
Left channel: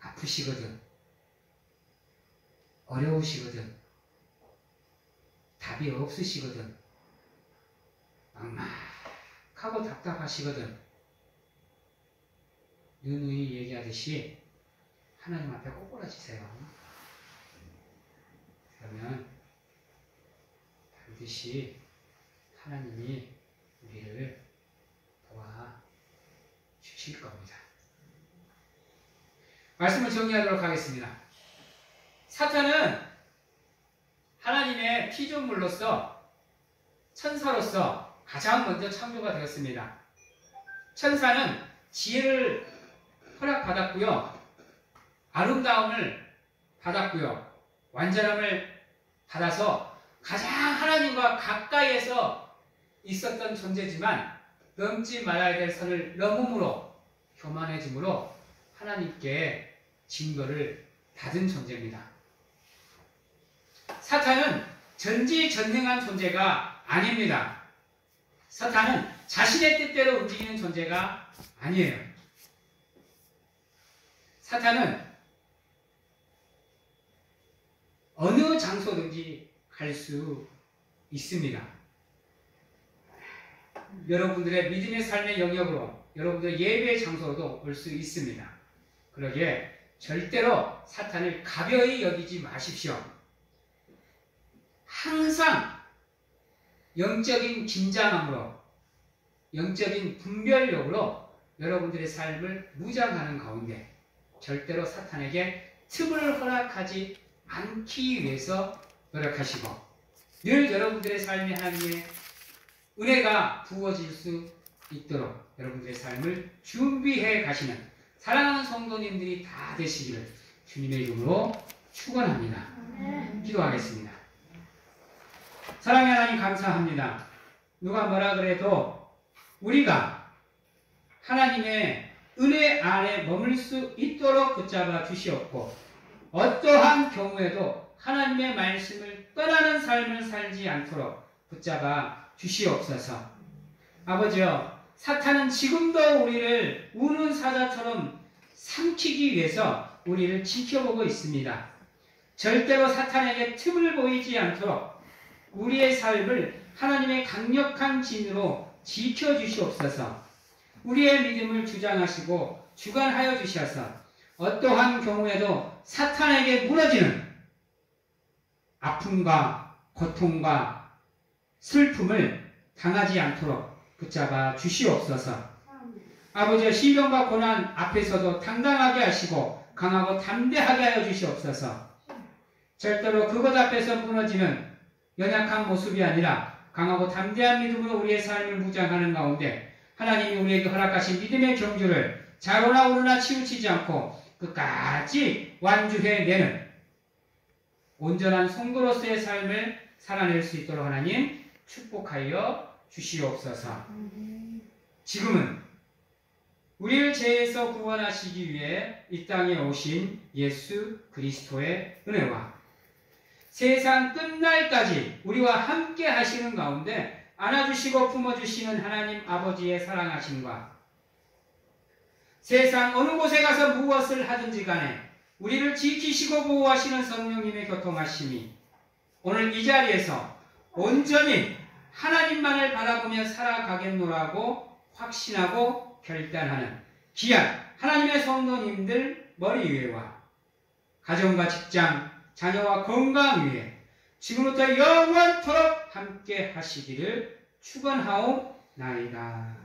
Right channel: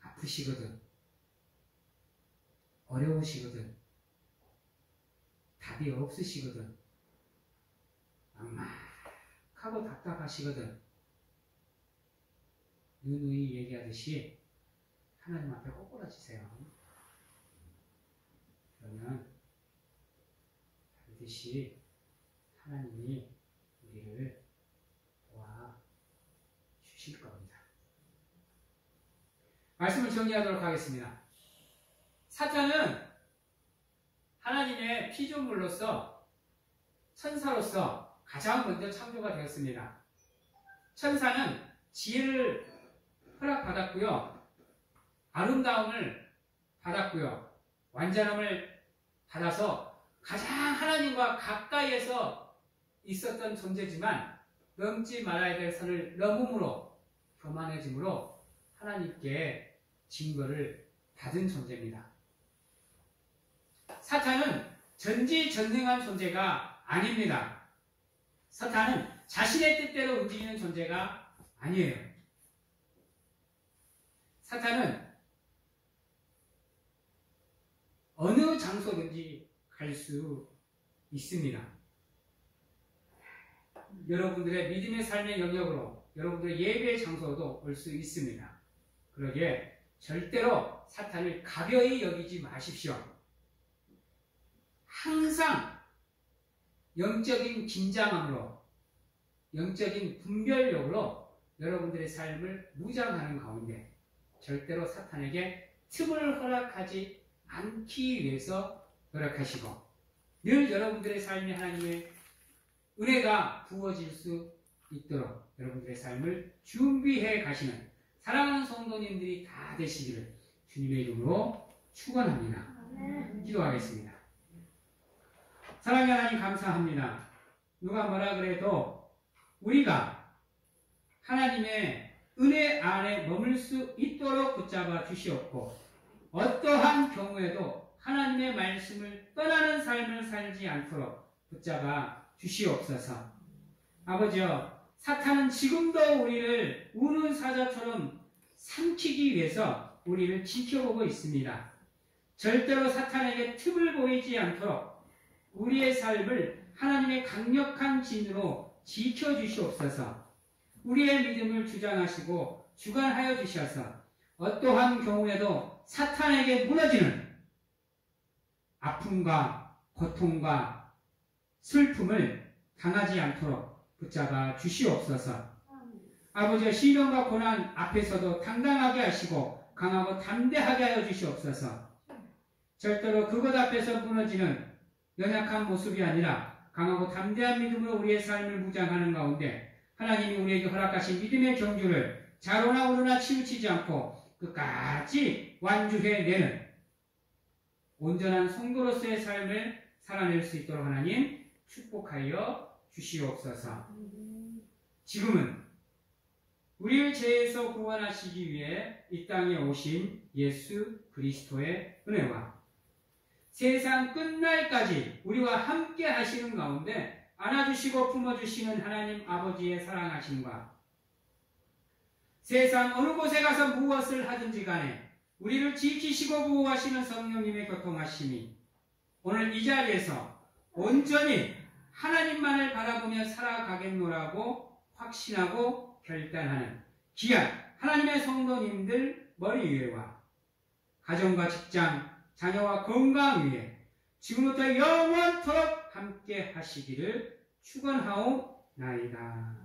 아프시거든, 어려우시거든, 답이 없으시거든, 막막하고 답답하시거든, 누누이 얘기하듯이 하나님 앞에 꼬꾸라지세요. 그러면 반드시 하나님이 우리를 도와주실 겁니다. 말씀을 정리하도록 하겠습니다. 사탄은 하나님의 피조물로서 천사로서 가장 먼저 창조가 되었습니다. 천사는 지혜를 허락받았고요. 아름다움을 받았고요. 완전함을 받아서 가장 하나님과 가까이에서 있었던 존재지만 넘지 말아야 될 선을 넘음으로 교만해짐으로 하나님께 징벌을 받은 존재입니다. 사탄은 전지전능한 존재가 아닙니다. 사탄은 자신의 뜻대로 움직이는 존재가 아니에요. 사탄은 어느 장소든지 갈 수 있습니다. 여러분들의 믿음의 삶의 영역으로, 여러분들의 예배의 장소로도 올 수 있습니다. 그러기에 절대로 사탄을 가벼이 여기지 마십시오. 항상 영적인 긴장함으로, 영적인 분별력으로 여러분들의 삶을 무장하는 가운데 절대로 사탄에게 틈을 허락하지 않기 위해서 노력하시고, 늘 여러분들의 삶에 하나님의 은혜가 부어질 수 있도록 여러분들의 삶을 준비해 가시는 사랑하는 성도님들이 다 되시기를 주님의 이름으로 축원합니다. 기도하겠습니다. 사랑의 하나님 감사합니다. 누가 뭐라 그래도 우리가 하나님의 은혜 안에 머물 수 있도록 붙잡아 주시옵고, 어떠한 경우에도 하나님의 말씀을 떠나는 삶을 살지 않도록 붙잡아 주시옵소서. 아버지여, 사탄은 지금도 우리를 우는 사자처럼 삼키기 위해서 우리를 지켜보고 있습니다. 절대로 사탄에게 틈을 보이지 않도록 우리의 삶을 하나님의 강력한 진으로 지켜주시옵소서. 우리의 믿음을 주장하시고 주관하여 주셔서 어떠한 경우에도 사탄에게 무너지는 아픔과 고통과 슬픔을 당하지 않도록 붙잡아 주시옵소서. 아버지의 시련과 고난 앞에서도 당당하게 하시고 강하고 담대하게 하여 주시옵소서. 절대로 그것 앞에서 무너지는 연약한 모습이 아니라 강하고 담대한 믿음으로 우리의 삶을 무장하는 가운데 하나님이 우리에게 허락하신 믿음의 경주를 좌로나 우로나 치우치지 않고 끝까지 완주해내는 온전한 성도로서의 삶을 살아낼 수 있도록 하나님 축복하여 주시옵소서. 지금은 우리를 죄에서 구원하시기 위해 이 땅에 오신 예수 그리스도의 은혜와 세상 끝날까지 우리와 함께 하시는 가운데 안아주시고 품어주시는 하나님 아버지의 사랑하심과 세상 어느 곳에 가서 무엇을 하든지 간에 우리를 지키시고 보호하시는 성령님의 교통하심이 오늘 이 자리에서 온전히 하나님만을 바라보며 살아가겠노라고 확신하고 결단하는 귀한 하나님의 성도님들 머리 위에와 가정과 직장, 자녀와 건강 위에 지금부터 영원토록 함께 하시기를 축원하옵나이다.